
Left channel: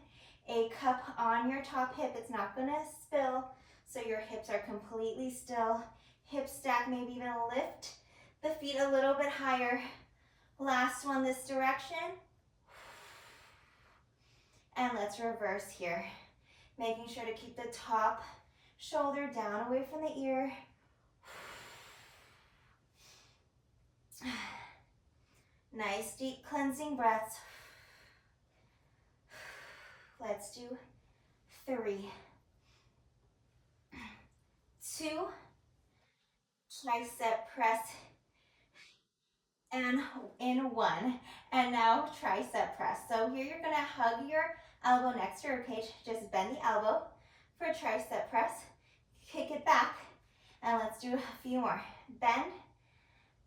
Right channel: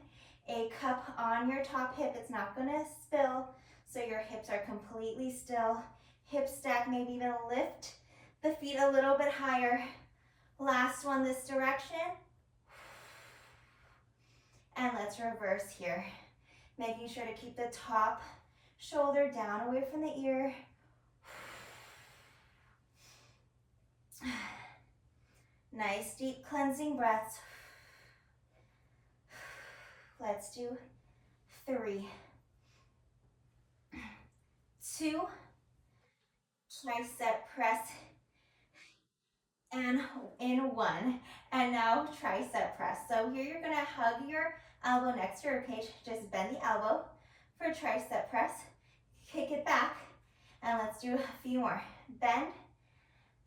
a cup on your top hip, it's not gonna spill. so your hips are completely still. Hip stack, maybe even lift the feet a little bit higher. Last one this direction. And let's reverse here. Making sure to keep the top shoulder down away from the ear. Nice deep cleansing breaths. Let's do 3, 2, tricep press, and in 1. And now tricep press. So here you're gonna hug your elbow next to your cage. Just bend the elbow for tricep press. Kick it back. And let's do a few more. Bend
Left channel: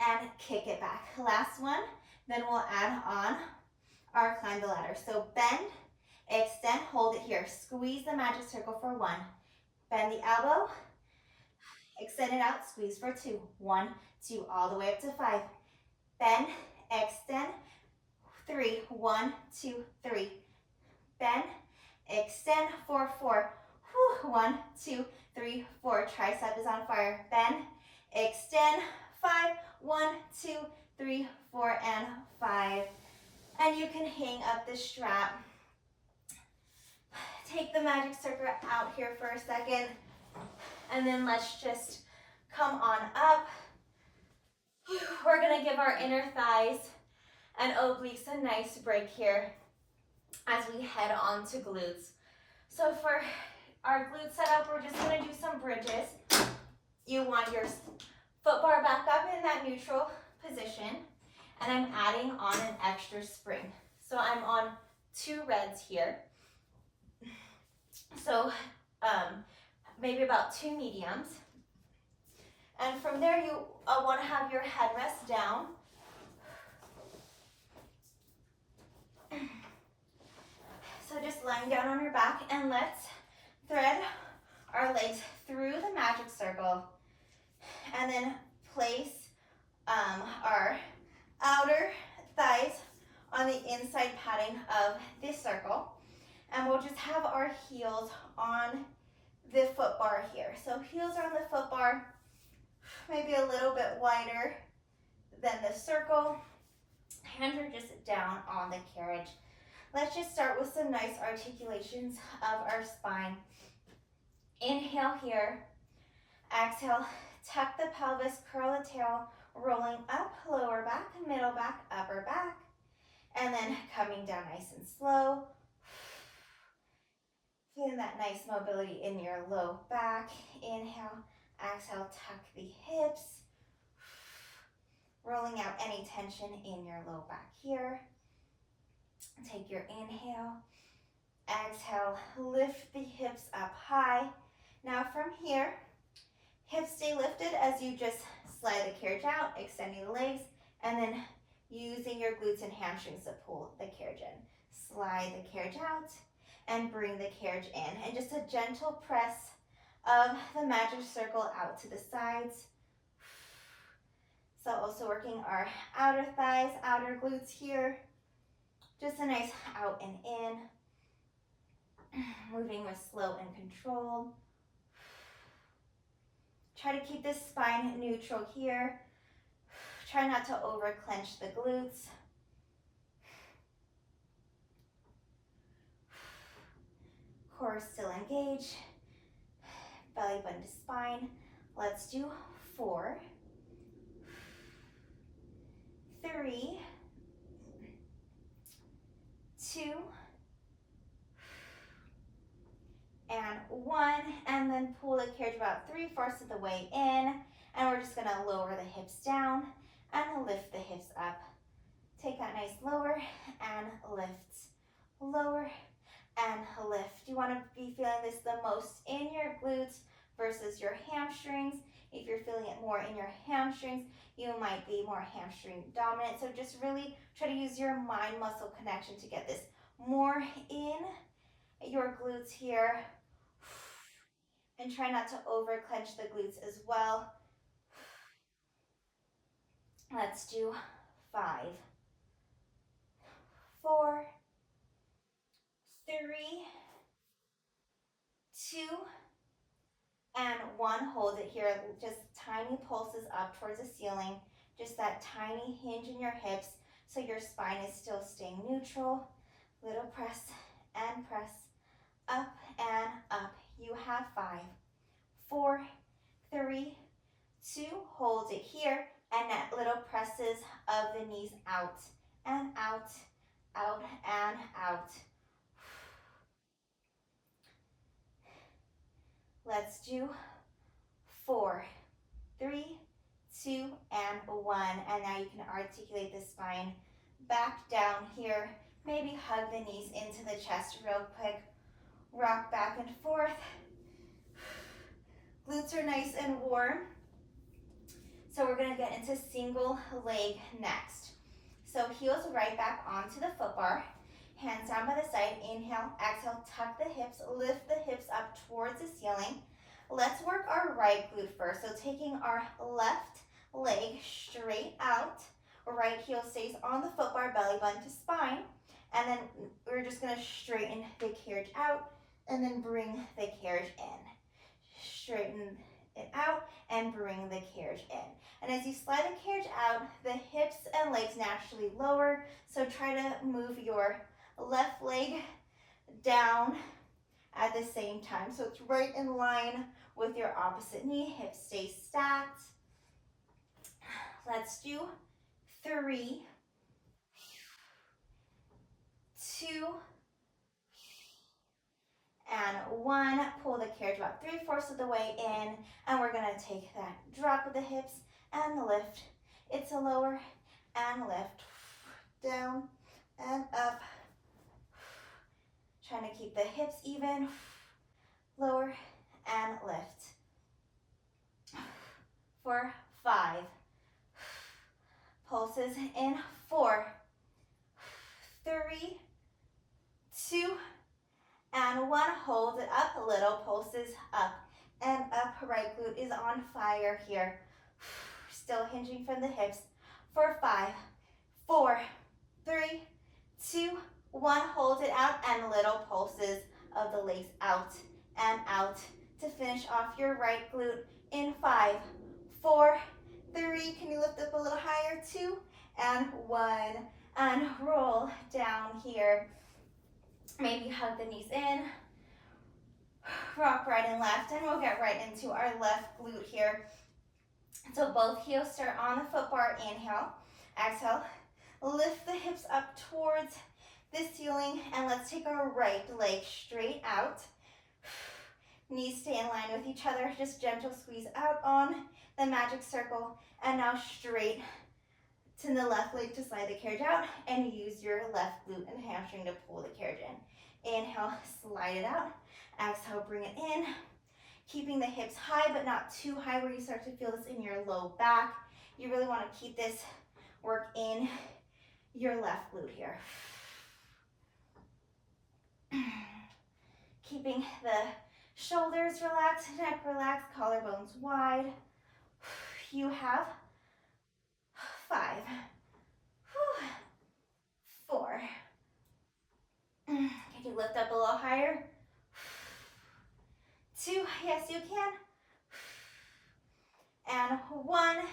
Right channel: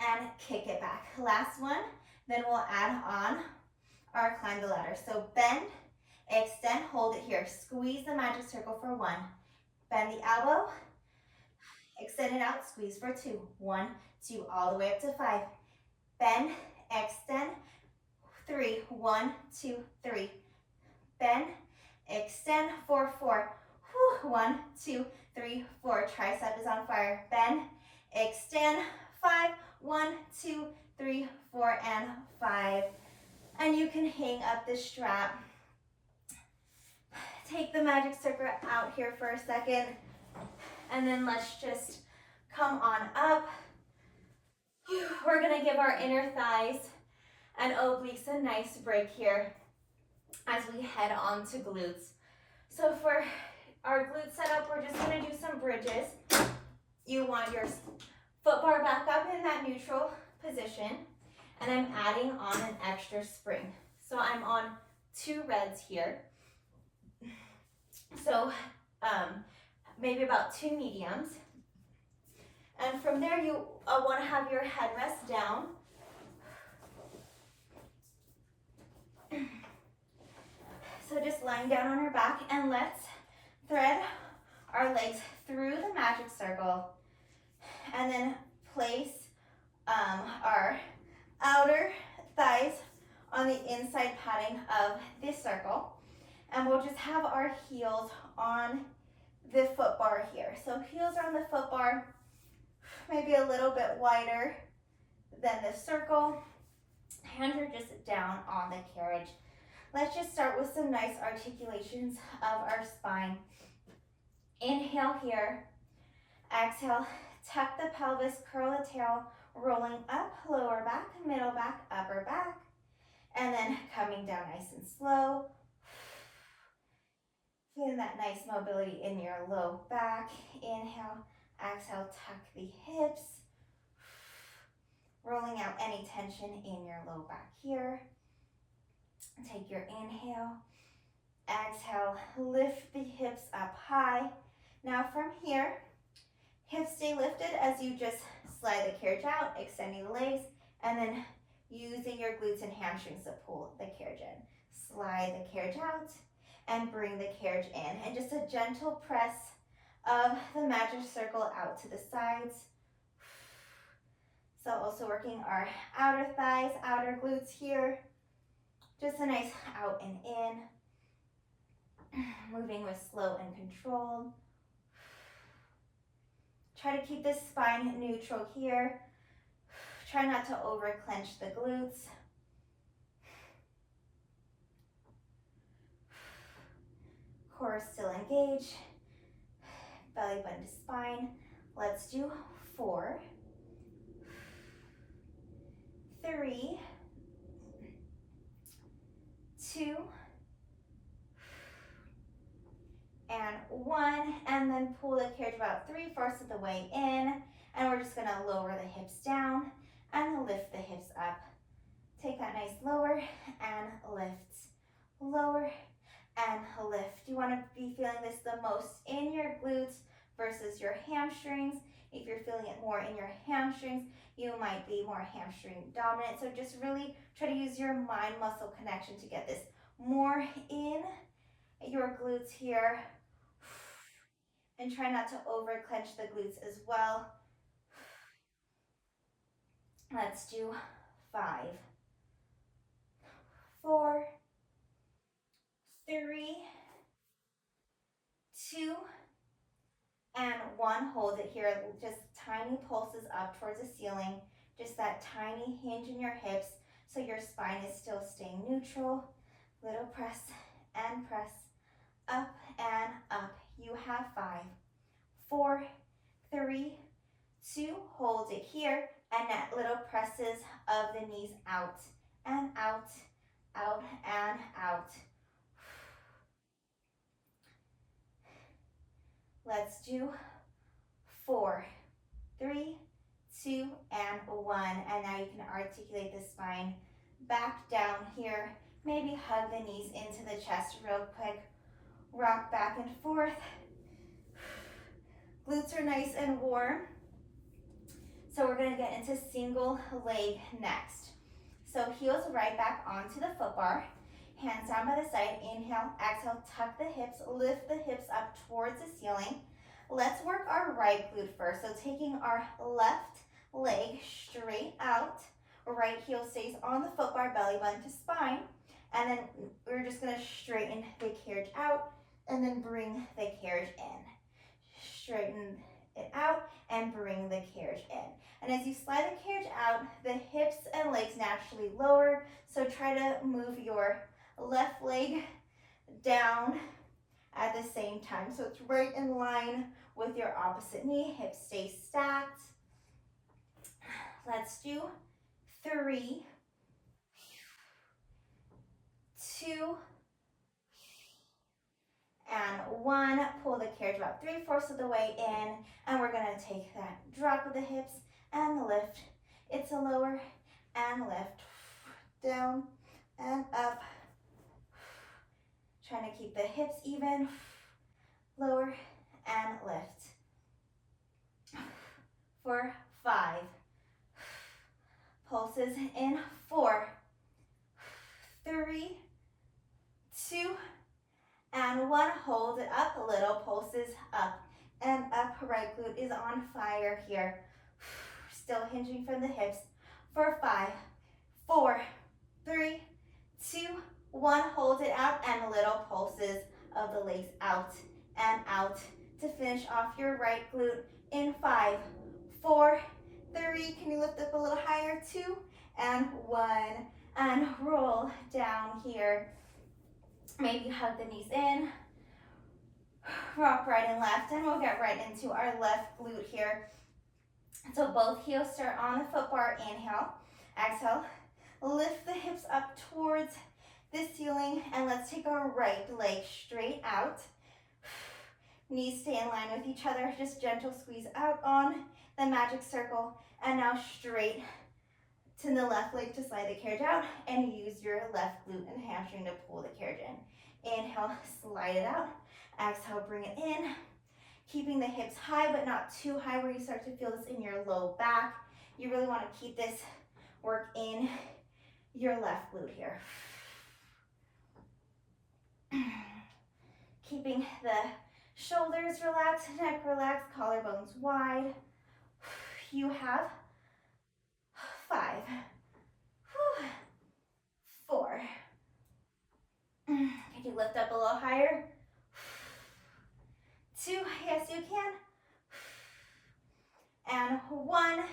and kick it back. Last one. Then we'll add on our climb the ladder. So bend, extend, hold it here. Squeeze the magic circle for 1. Bend the elbow, extend it out, squeeze for 2. 1, 2, all the way up to 5. Bend, extend, 3. 1, 2, 3. Bend, extend for 4. 1, 2, 3, 4. Tricep is on fire. Bend, extend, 5. 1, 2, 3, 4, and 5. And you can hang up the strap. Take the magic circle out here for a second. And then let's just come on up. We're gonna give our inner thighs and obliques a nice break here as we head on to glutes. So for our glute setup, we're just gonna do some bridges. You want your foot bar back up in that neutral position, and I'm adding on an extra spring. So I'm on 2 reds here. So maybe about 2 mediums. And from there, you want to have your headrest down. So just lying down on your back, and let's thread our legs through the magic circle, and then place our outer thighs on the inside padding of this circle. And we'll just have our heels on the foot bar here. So heels are on the foot bar, maybe a little bit wider than the circle. Hands are just down on the carriage. Let's just start with some nice articulations of our spine. Inhale here. Exhale, tuck the pelvis, curl the tail, rolling up, lower back, middle back, upper back. And then coming down nice and slow. Feeling that nice mobility in your low back. Inhale, exhale, tuck the hips. Rolling out any tension in your low back here. Take your inhale. Exhale, lift the hips up high. Now from here, hips stay lifted as you just slide the carriage out, extending the legs, and then using your glutes and hamstrings to pull the carriage in. Slide the carriage out and bring the carriage in. And just a gentle press of the magic circle out to the sides. So also working our outer thighs, outer glutes here. Just a nice out and in. Moving with slow and controlled. Try to keep this spine neutral here. Try not to over clench the glutes. Core still engaged. Belly button to spine. Let's do 4, 3, 2, and 1, and then pull the carriage about 3/4 of the way in, and we're just gonna lower the hips down and lift the hips up. Take that nice lower and lift, lower and lift. You wanna be feeling this the most in your glutes versus your hamstrings. If you're feeling it more in your hamstrings, you might be more hamstring dominant. So just really try to use your mind muscle connection to get this more in your glutes here. And try not to over clench the glutes as well. Let's do 5, 4, 3, 2, one, hold it here, just tiny pulses up towards the ceiling, just that tiny hinge in your hips so your spine is still staying neutral. Little press and press, up and up. You have 5, 4, 3, 2, hold it here, and that little presses of the knees out and out, out and out. Let's do 4, 3, 2, and 1. And now you can articulate the spine back down here. Maybe hug the knees into the chest real quick. Rock back and forth. Glutes are nice and warm. So we're going to get into single leg next. So heels right back onto the foot bar. Hands down by the side. Inhale, exhale, tuck the hips, lift the hips up towards the ceiling. Let's work our right glute first. So taking our left leg straight out. Right heel stays on the foot bar, belly button to spine. And then we're just going to straighten the carriage out and then bring the carriage in. Straighten it out and bring the carriage in. And as you slide the carriage out, the hips and legs naturally lower. So try to move your left leg down at the same time. So it's right in line with your opposite knee. Hips stay stacked. Let's do 3, 2, and 1. Pull the carriage about 3/4 of the way in, and we're gonna take that drop of the hips and lift. It's a lower and lift, down and up. Trying to keep the hips even, lower and lift. For 5. Pulses in 4, 3, 2, and 1. Hold it up, little pulses up and up. Right glute is on fire here. Still hinging from the hips. For 5, 4, 3, 2, 1. Hold it out and little pulses of the legs out and out to finish off your right glute in 5, 4, 3. Can you lift up a little higher? 2 and 1. And roll down here. Maybe hug the knees in. Rock right and left, and we'll get right into our left glute here. So both heels start on the foot bar. Inhale, exhale. Lift the hips up towards the ceiling, and let's take our right leg straight out. Knees stay in line with each other. Just gentle squeeze out on the magic circle, and now straight to the left leg to slide the carriage out, and use your left glute and hamstring to pull the carriage in. Inhale, slide it out. Exhale, bring it in. Keeping the hips high, but not too high where you start to feel this in your low back. You really want to keep this work in your left glute here. Keeping the shoulders relaxed, neck relaxed, collarbones wide. You have 5, 4. Can you lift up a little higher? 2, yes you can. And 1.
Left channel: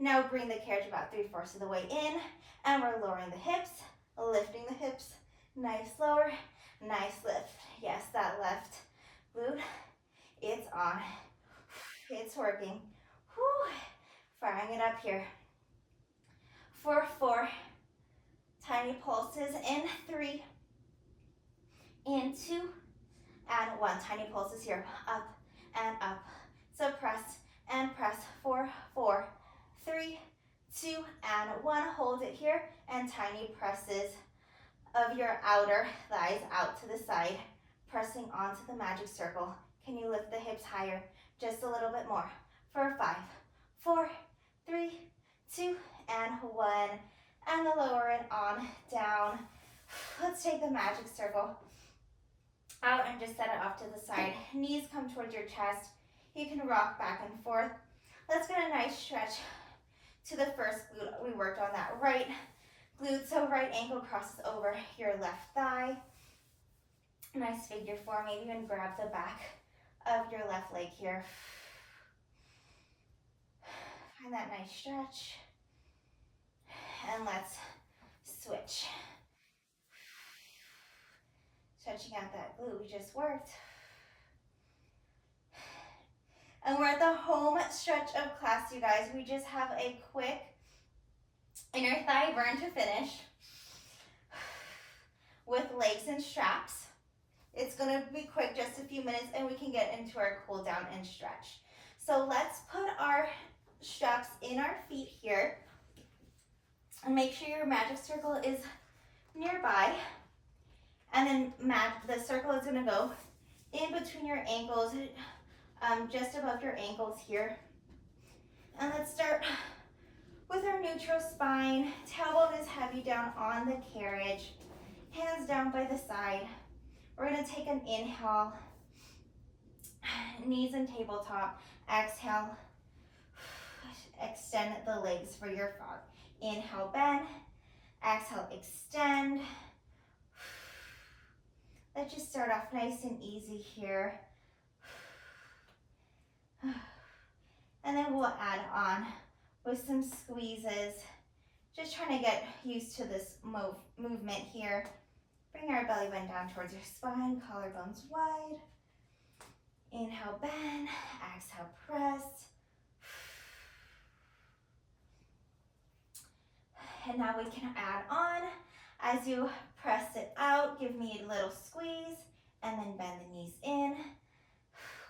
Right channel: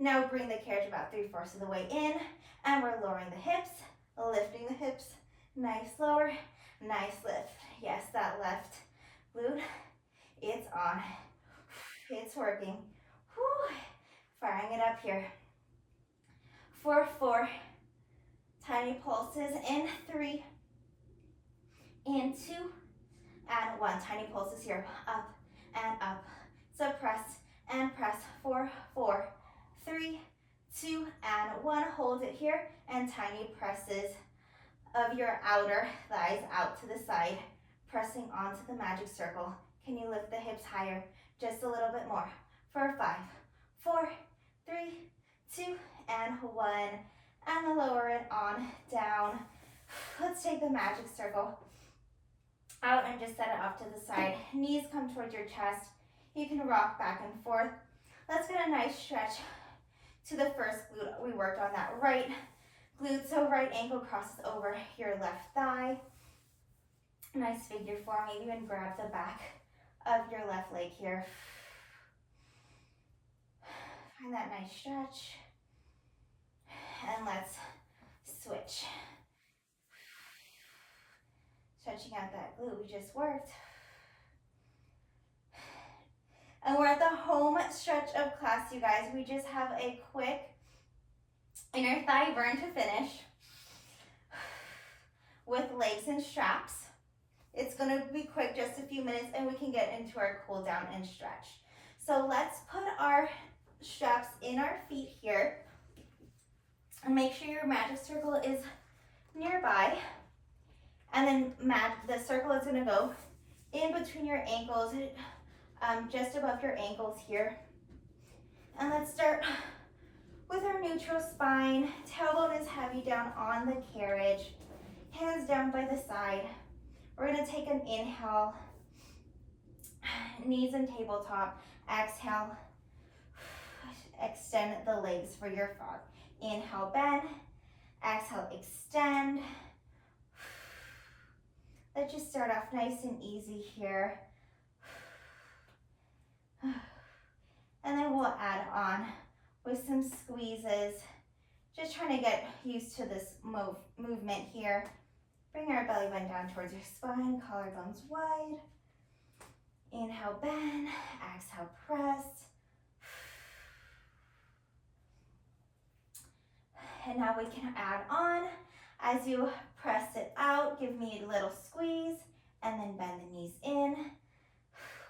Now bring the carriage about 3/4 of the way in, and we're lowering the hips, lifting the hips. Nice lower, nice lift. Yes, that left glute, it's on. It's working. Whew. Firing it up here. For 4, tiny pulses in 3, in 2, and 1. Tiny pulses here, up and up. So press and press. For 4, 3, 2, and 1. Hold it here, and tiny presses of your outer thighs out to the side, pressing onto the magic circle. Can you lift the hips higher? Just a little bit more. For 5, 4, 3, 2, and 1. And lower it on down. Let's take the magic circle out and just set it off to the side. Knees come towards your chest. You can rock back and forth. Let's get a nice stretch to the first glute. We worked on that right glute, so right ankle crosses over your left thigh. Nice figure four. Maybe even grab the back of your left leg here. Find that nice stretch. And let's switch. Stretching out that glute we just worked. And we're at the home stretch of class, you guys. We just have a quick inner thigh burn to finish with legs and straps. It's gonna be quick, just a few minutes, and we can get into our cool down and stretch. So let's put our straps in our feet here. And make sure your magic circle is nearby. And then the circle is gonna go in between your ankles, just above your ankles here. And let's start with our neutral spine. Tailbone is heavy down on the carriage. Hands down by the side. We're gonna take an inhale, knees and tabletop. Exhale, extend the legs for your frog. Inhale, bend. Exhale, extend. Let's just start off nice and easy here. And then we'll add on with some squeezes. Just trying to get used to this movement here. Bring our belly button down towards your spine, collarbones wide. Inhale, bend. Exhale, press. And now we can add on. As you press it out, give me a little squeeze, and then bend the knees in.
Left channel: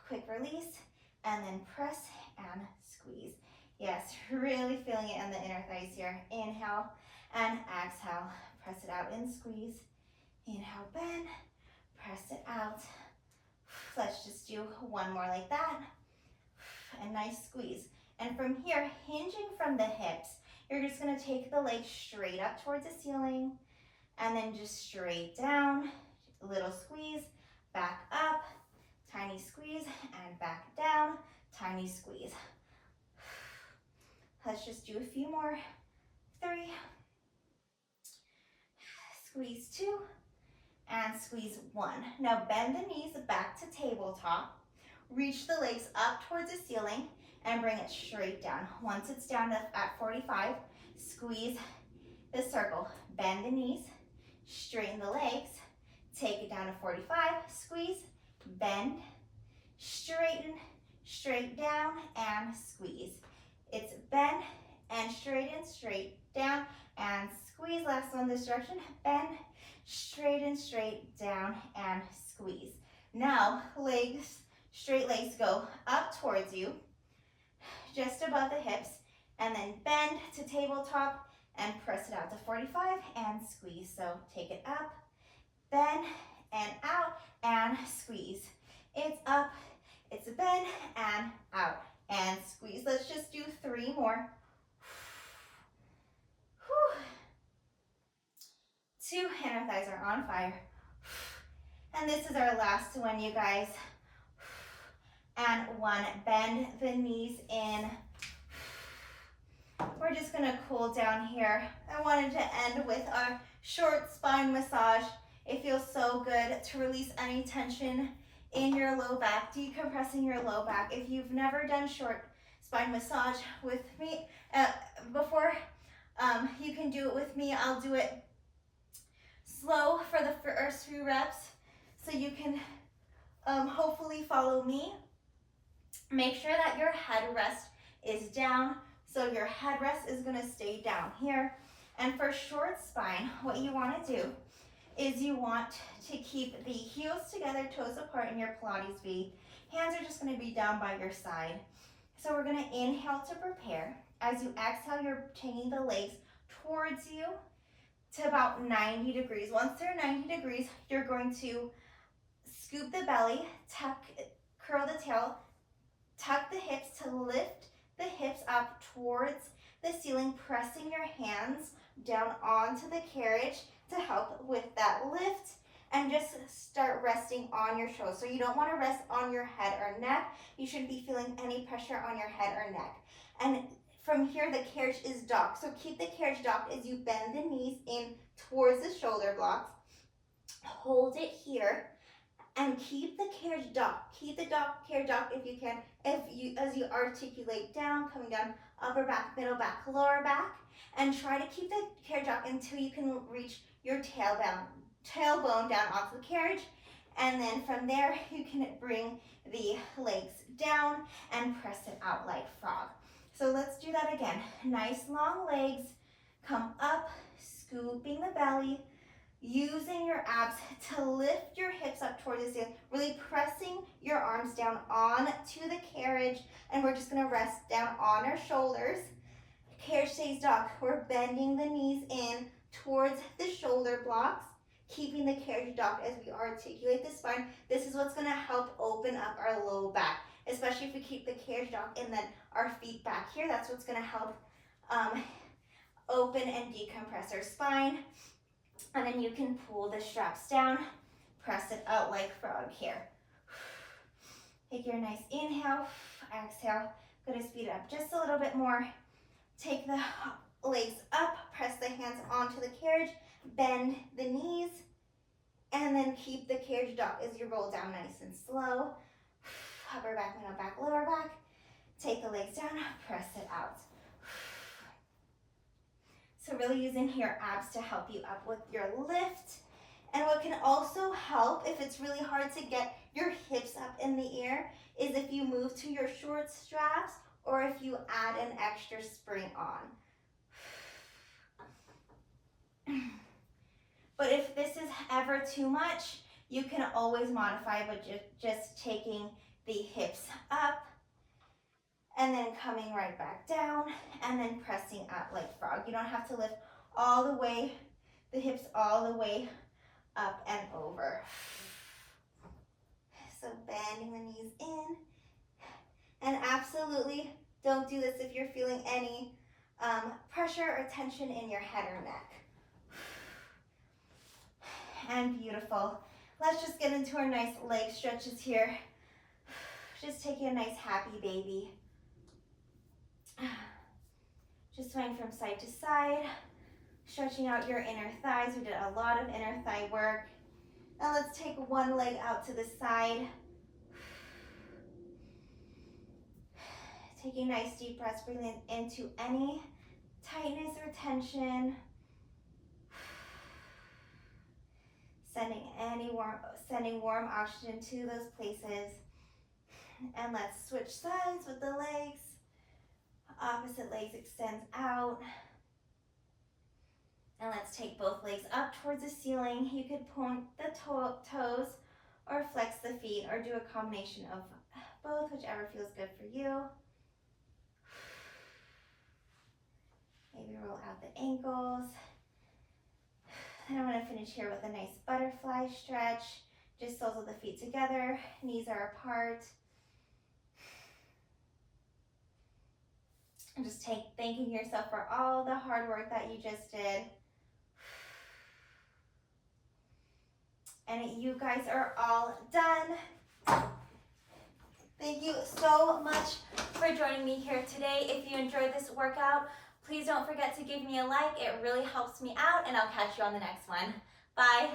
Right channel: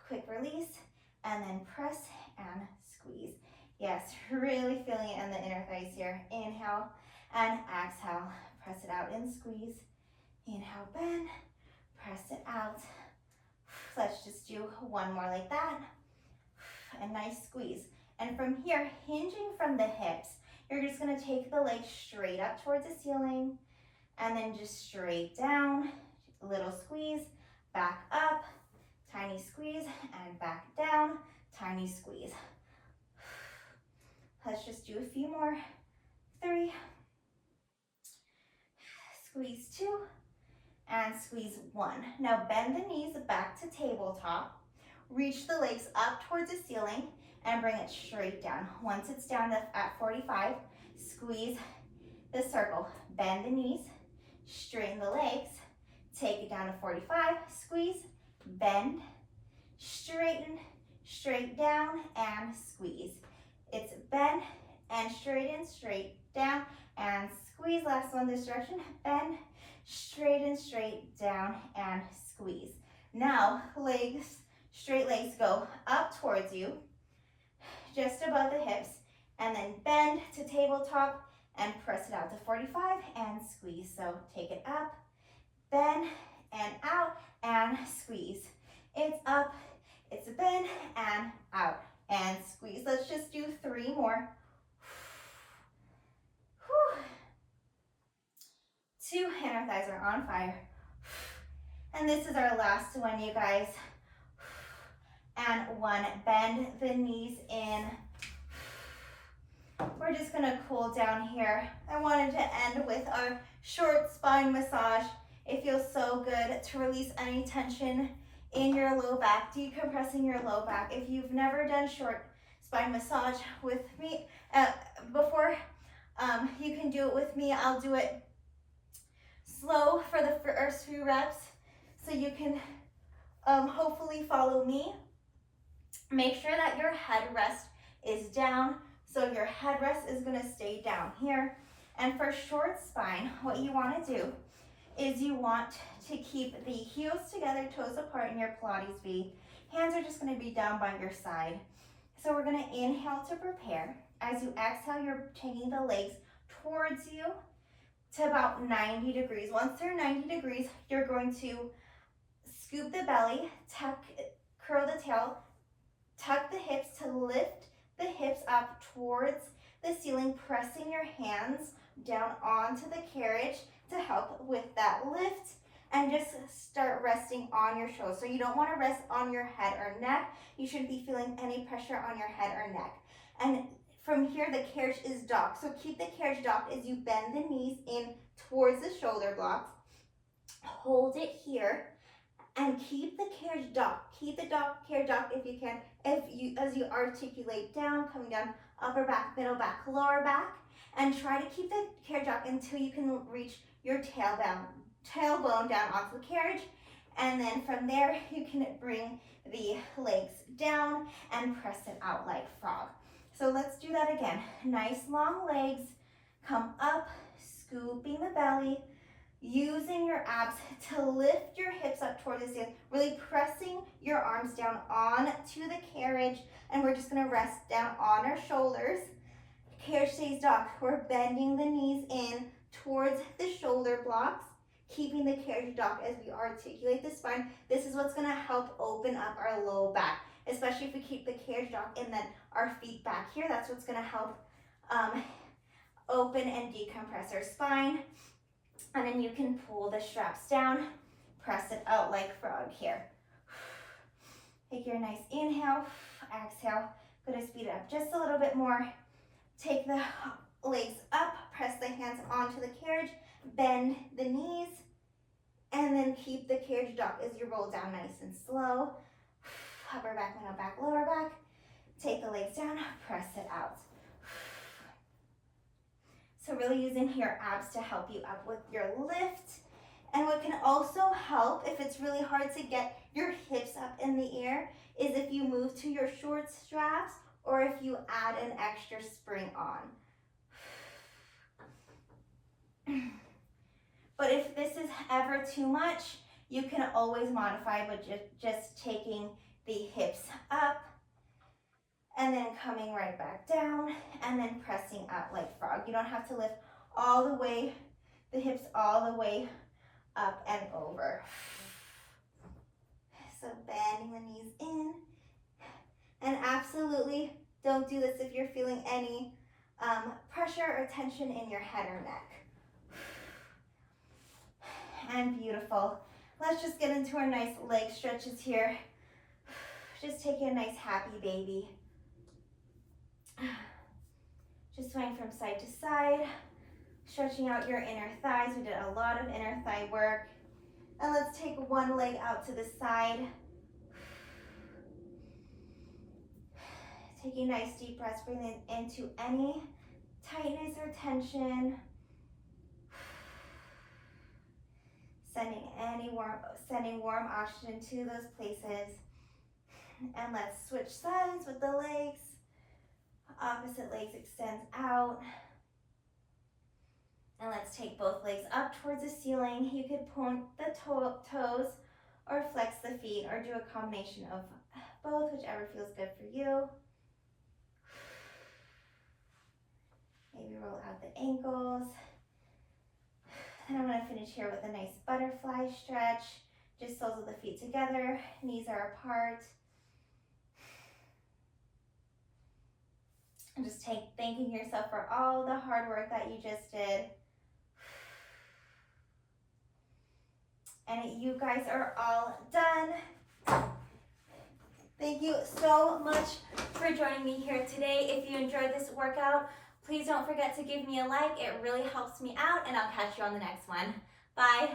Quick release, and then press and squeeze. Yes, really feeling it in the inner thighs here. Inhale and exhale. Press it out and squeeze. Inhale, bend. Press it out. Let's just do one more like that. A nice squeeze. And from here, hinging from the hips, you're just gonna take the legs straight up towards the ceiling and then just straight down. A little squeeze, back up, tiny squeeze, and back down, tiny squeeze. Let's just do a few more. 3, squeeze 2, and squeeze 1. Now bend the knees back to tabletop. Reach the legs up towards the ceiling and bring it straight down. Once it's down at 45, squeeze the circle. Bend the knees, straighten the legs, take it down to 45, squeeze, bend, straighten, straight down, and squeeze. It's bend and straighten, straight down, and squeeze. Last one this direction, bend, straighten, straight down, and squeeze. Now, legs, straight legs go up towards you, just above the hips, and then bend to tabletop and press it out to 45 and squeeze. So take it up, bend, and out, and squeeze. It's up, it's a bend, and out, and squeeze. Let's just do 3 more. 2, inner thighs are on fire. And this is our last one, you guys. And 1, bend the knees in. We're just gonna cool down here. I wanted to end with our short spine massage. It feels so good to release any tension in your low back, decompressing your low back. If you've never done short spine massage with me before, you can do it with me. I'll do it slow for the first few reps so you can hopefully follow me. Make sure that your headrest is down, so your headrest is gonna stay down here. And for short spine, what you wanna do is you want to keep the heels together, toes apart in your Pilates V. Hands are just gonna be down by your side. So we're gonna inhale to prepare. As you exhale, you're taking the legs towards you to about 90 degrees. Once they're 90 degrees, you're going to scoop the belly, curl the tail, tuck the hips to lift the hips up towards the ceiling, pressing your hands down onto the carriage to help with that lift, and just start resting on your shoulders. So you don't want to rest on your head or neck. You shouldn't be feeling any pressure on your head or neck. And from here, the carriage is docked. So keep the carriage docked as you bend the knees in towards the shoulder blocks. Hold it here and keep the carriage docked. Keep the carriage docked if you can. As you articulate down, coming down upper back, middle back, lower back, and try to keep the carriage up until you can reach your tailbone down onto the carriage. And then from there, you can bring the legs down and press it out like frog. So let's do that again. Nice long legs, come up, scooping the belly, using your abs to lift your hips up towards the ceiling, really pressing your arms down onto the carriage, and we're just gonna rest down on our shoulders. Carriage stays dog. We're bending the knees in towards the shoulder blocks, keeping the carriage dog as we articulate the spine. This is what's gonna help open up our low back, especially if we keep the carriage dog and then our feet back here. That's what's gonna help open and decompress our spine. And then you can pull the straps down, press it out like frog here. Take your nice inhale, exhale. Gonna speed it up just a little bit more. Take the legs up, press the hands onto the carriage, bend the knees, and then keep the carriage dog as you roll down nice and slow. Upper back, middle back, lower back. Take the legs down, press it out. So really using your abs to help you up with your lift. And what can also help if it's really hard to get your hips up in the air is if you move to your short straps or if you add an extra spring on. But if this is ever too much, you can always modify with just taking the hips up and then coming right back down and then pressing up like frog. You don't have to lift all the way, the hips all the way up and over. So bending the knees in. And absolutely don't do this if you're feeling any pressure or tension in your head or neck. And beautiful. Let's just get into our nice leg stretches here. Just taking a nice happy baby. Just swaying from side to side, stretching out your inner thighs. We did a lot of inner thigh work. And let's take one leg out to the side. Taking nice deep breaths, breathing into any tightness or tension. Sending warm oxygen to those places. And let's switch sides with the legs. Opposite legs extends out. And let's take both legs up towards the ceiling. You could point the toes or flex the feet or do a combination of both, whichever feels good for you. Maybe roll out the ankles. And I'm going to finish here with a nice butterfly stretch. Just soles of the feet together, knees are apart. And just thanking yourself for all the hard work that you just did. And you guys are all done. Thank you so much for joining me here today. If you enjoyed this workout, please don't forget to give me a like. It really helps me out, and I'll catch you on the next one. Bye.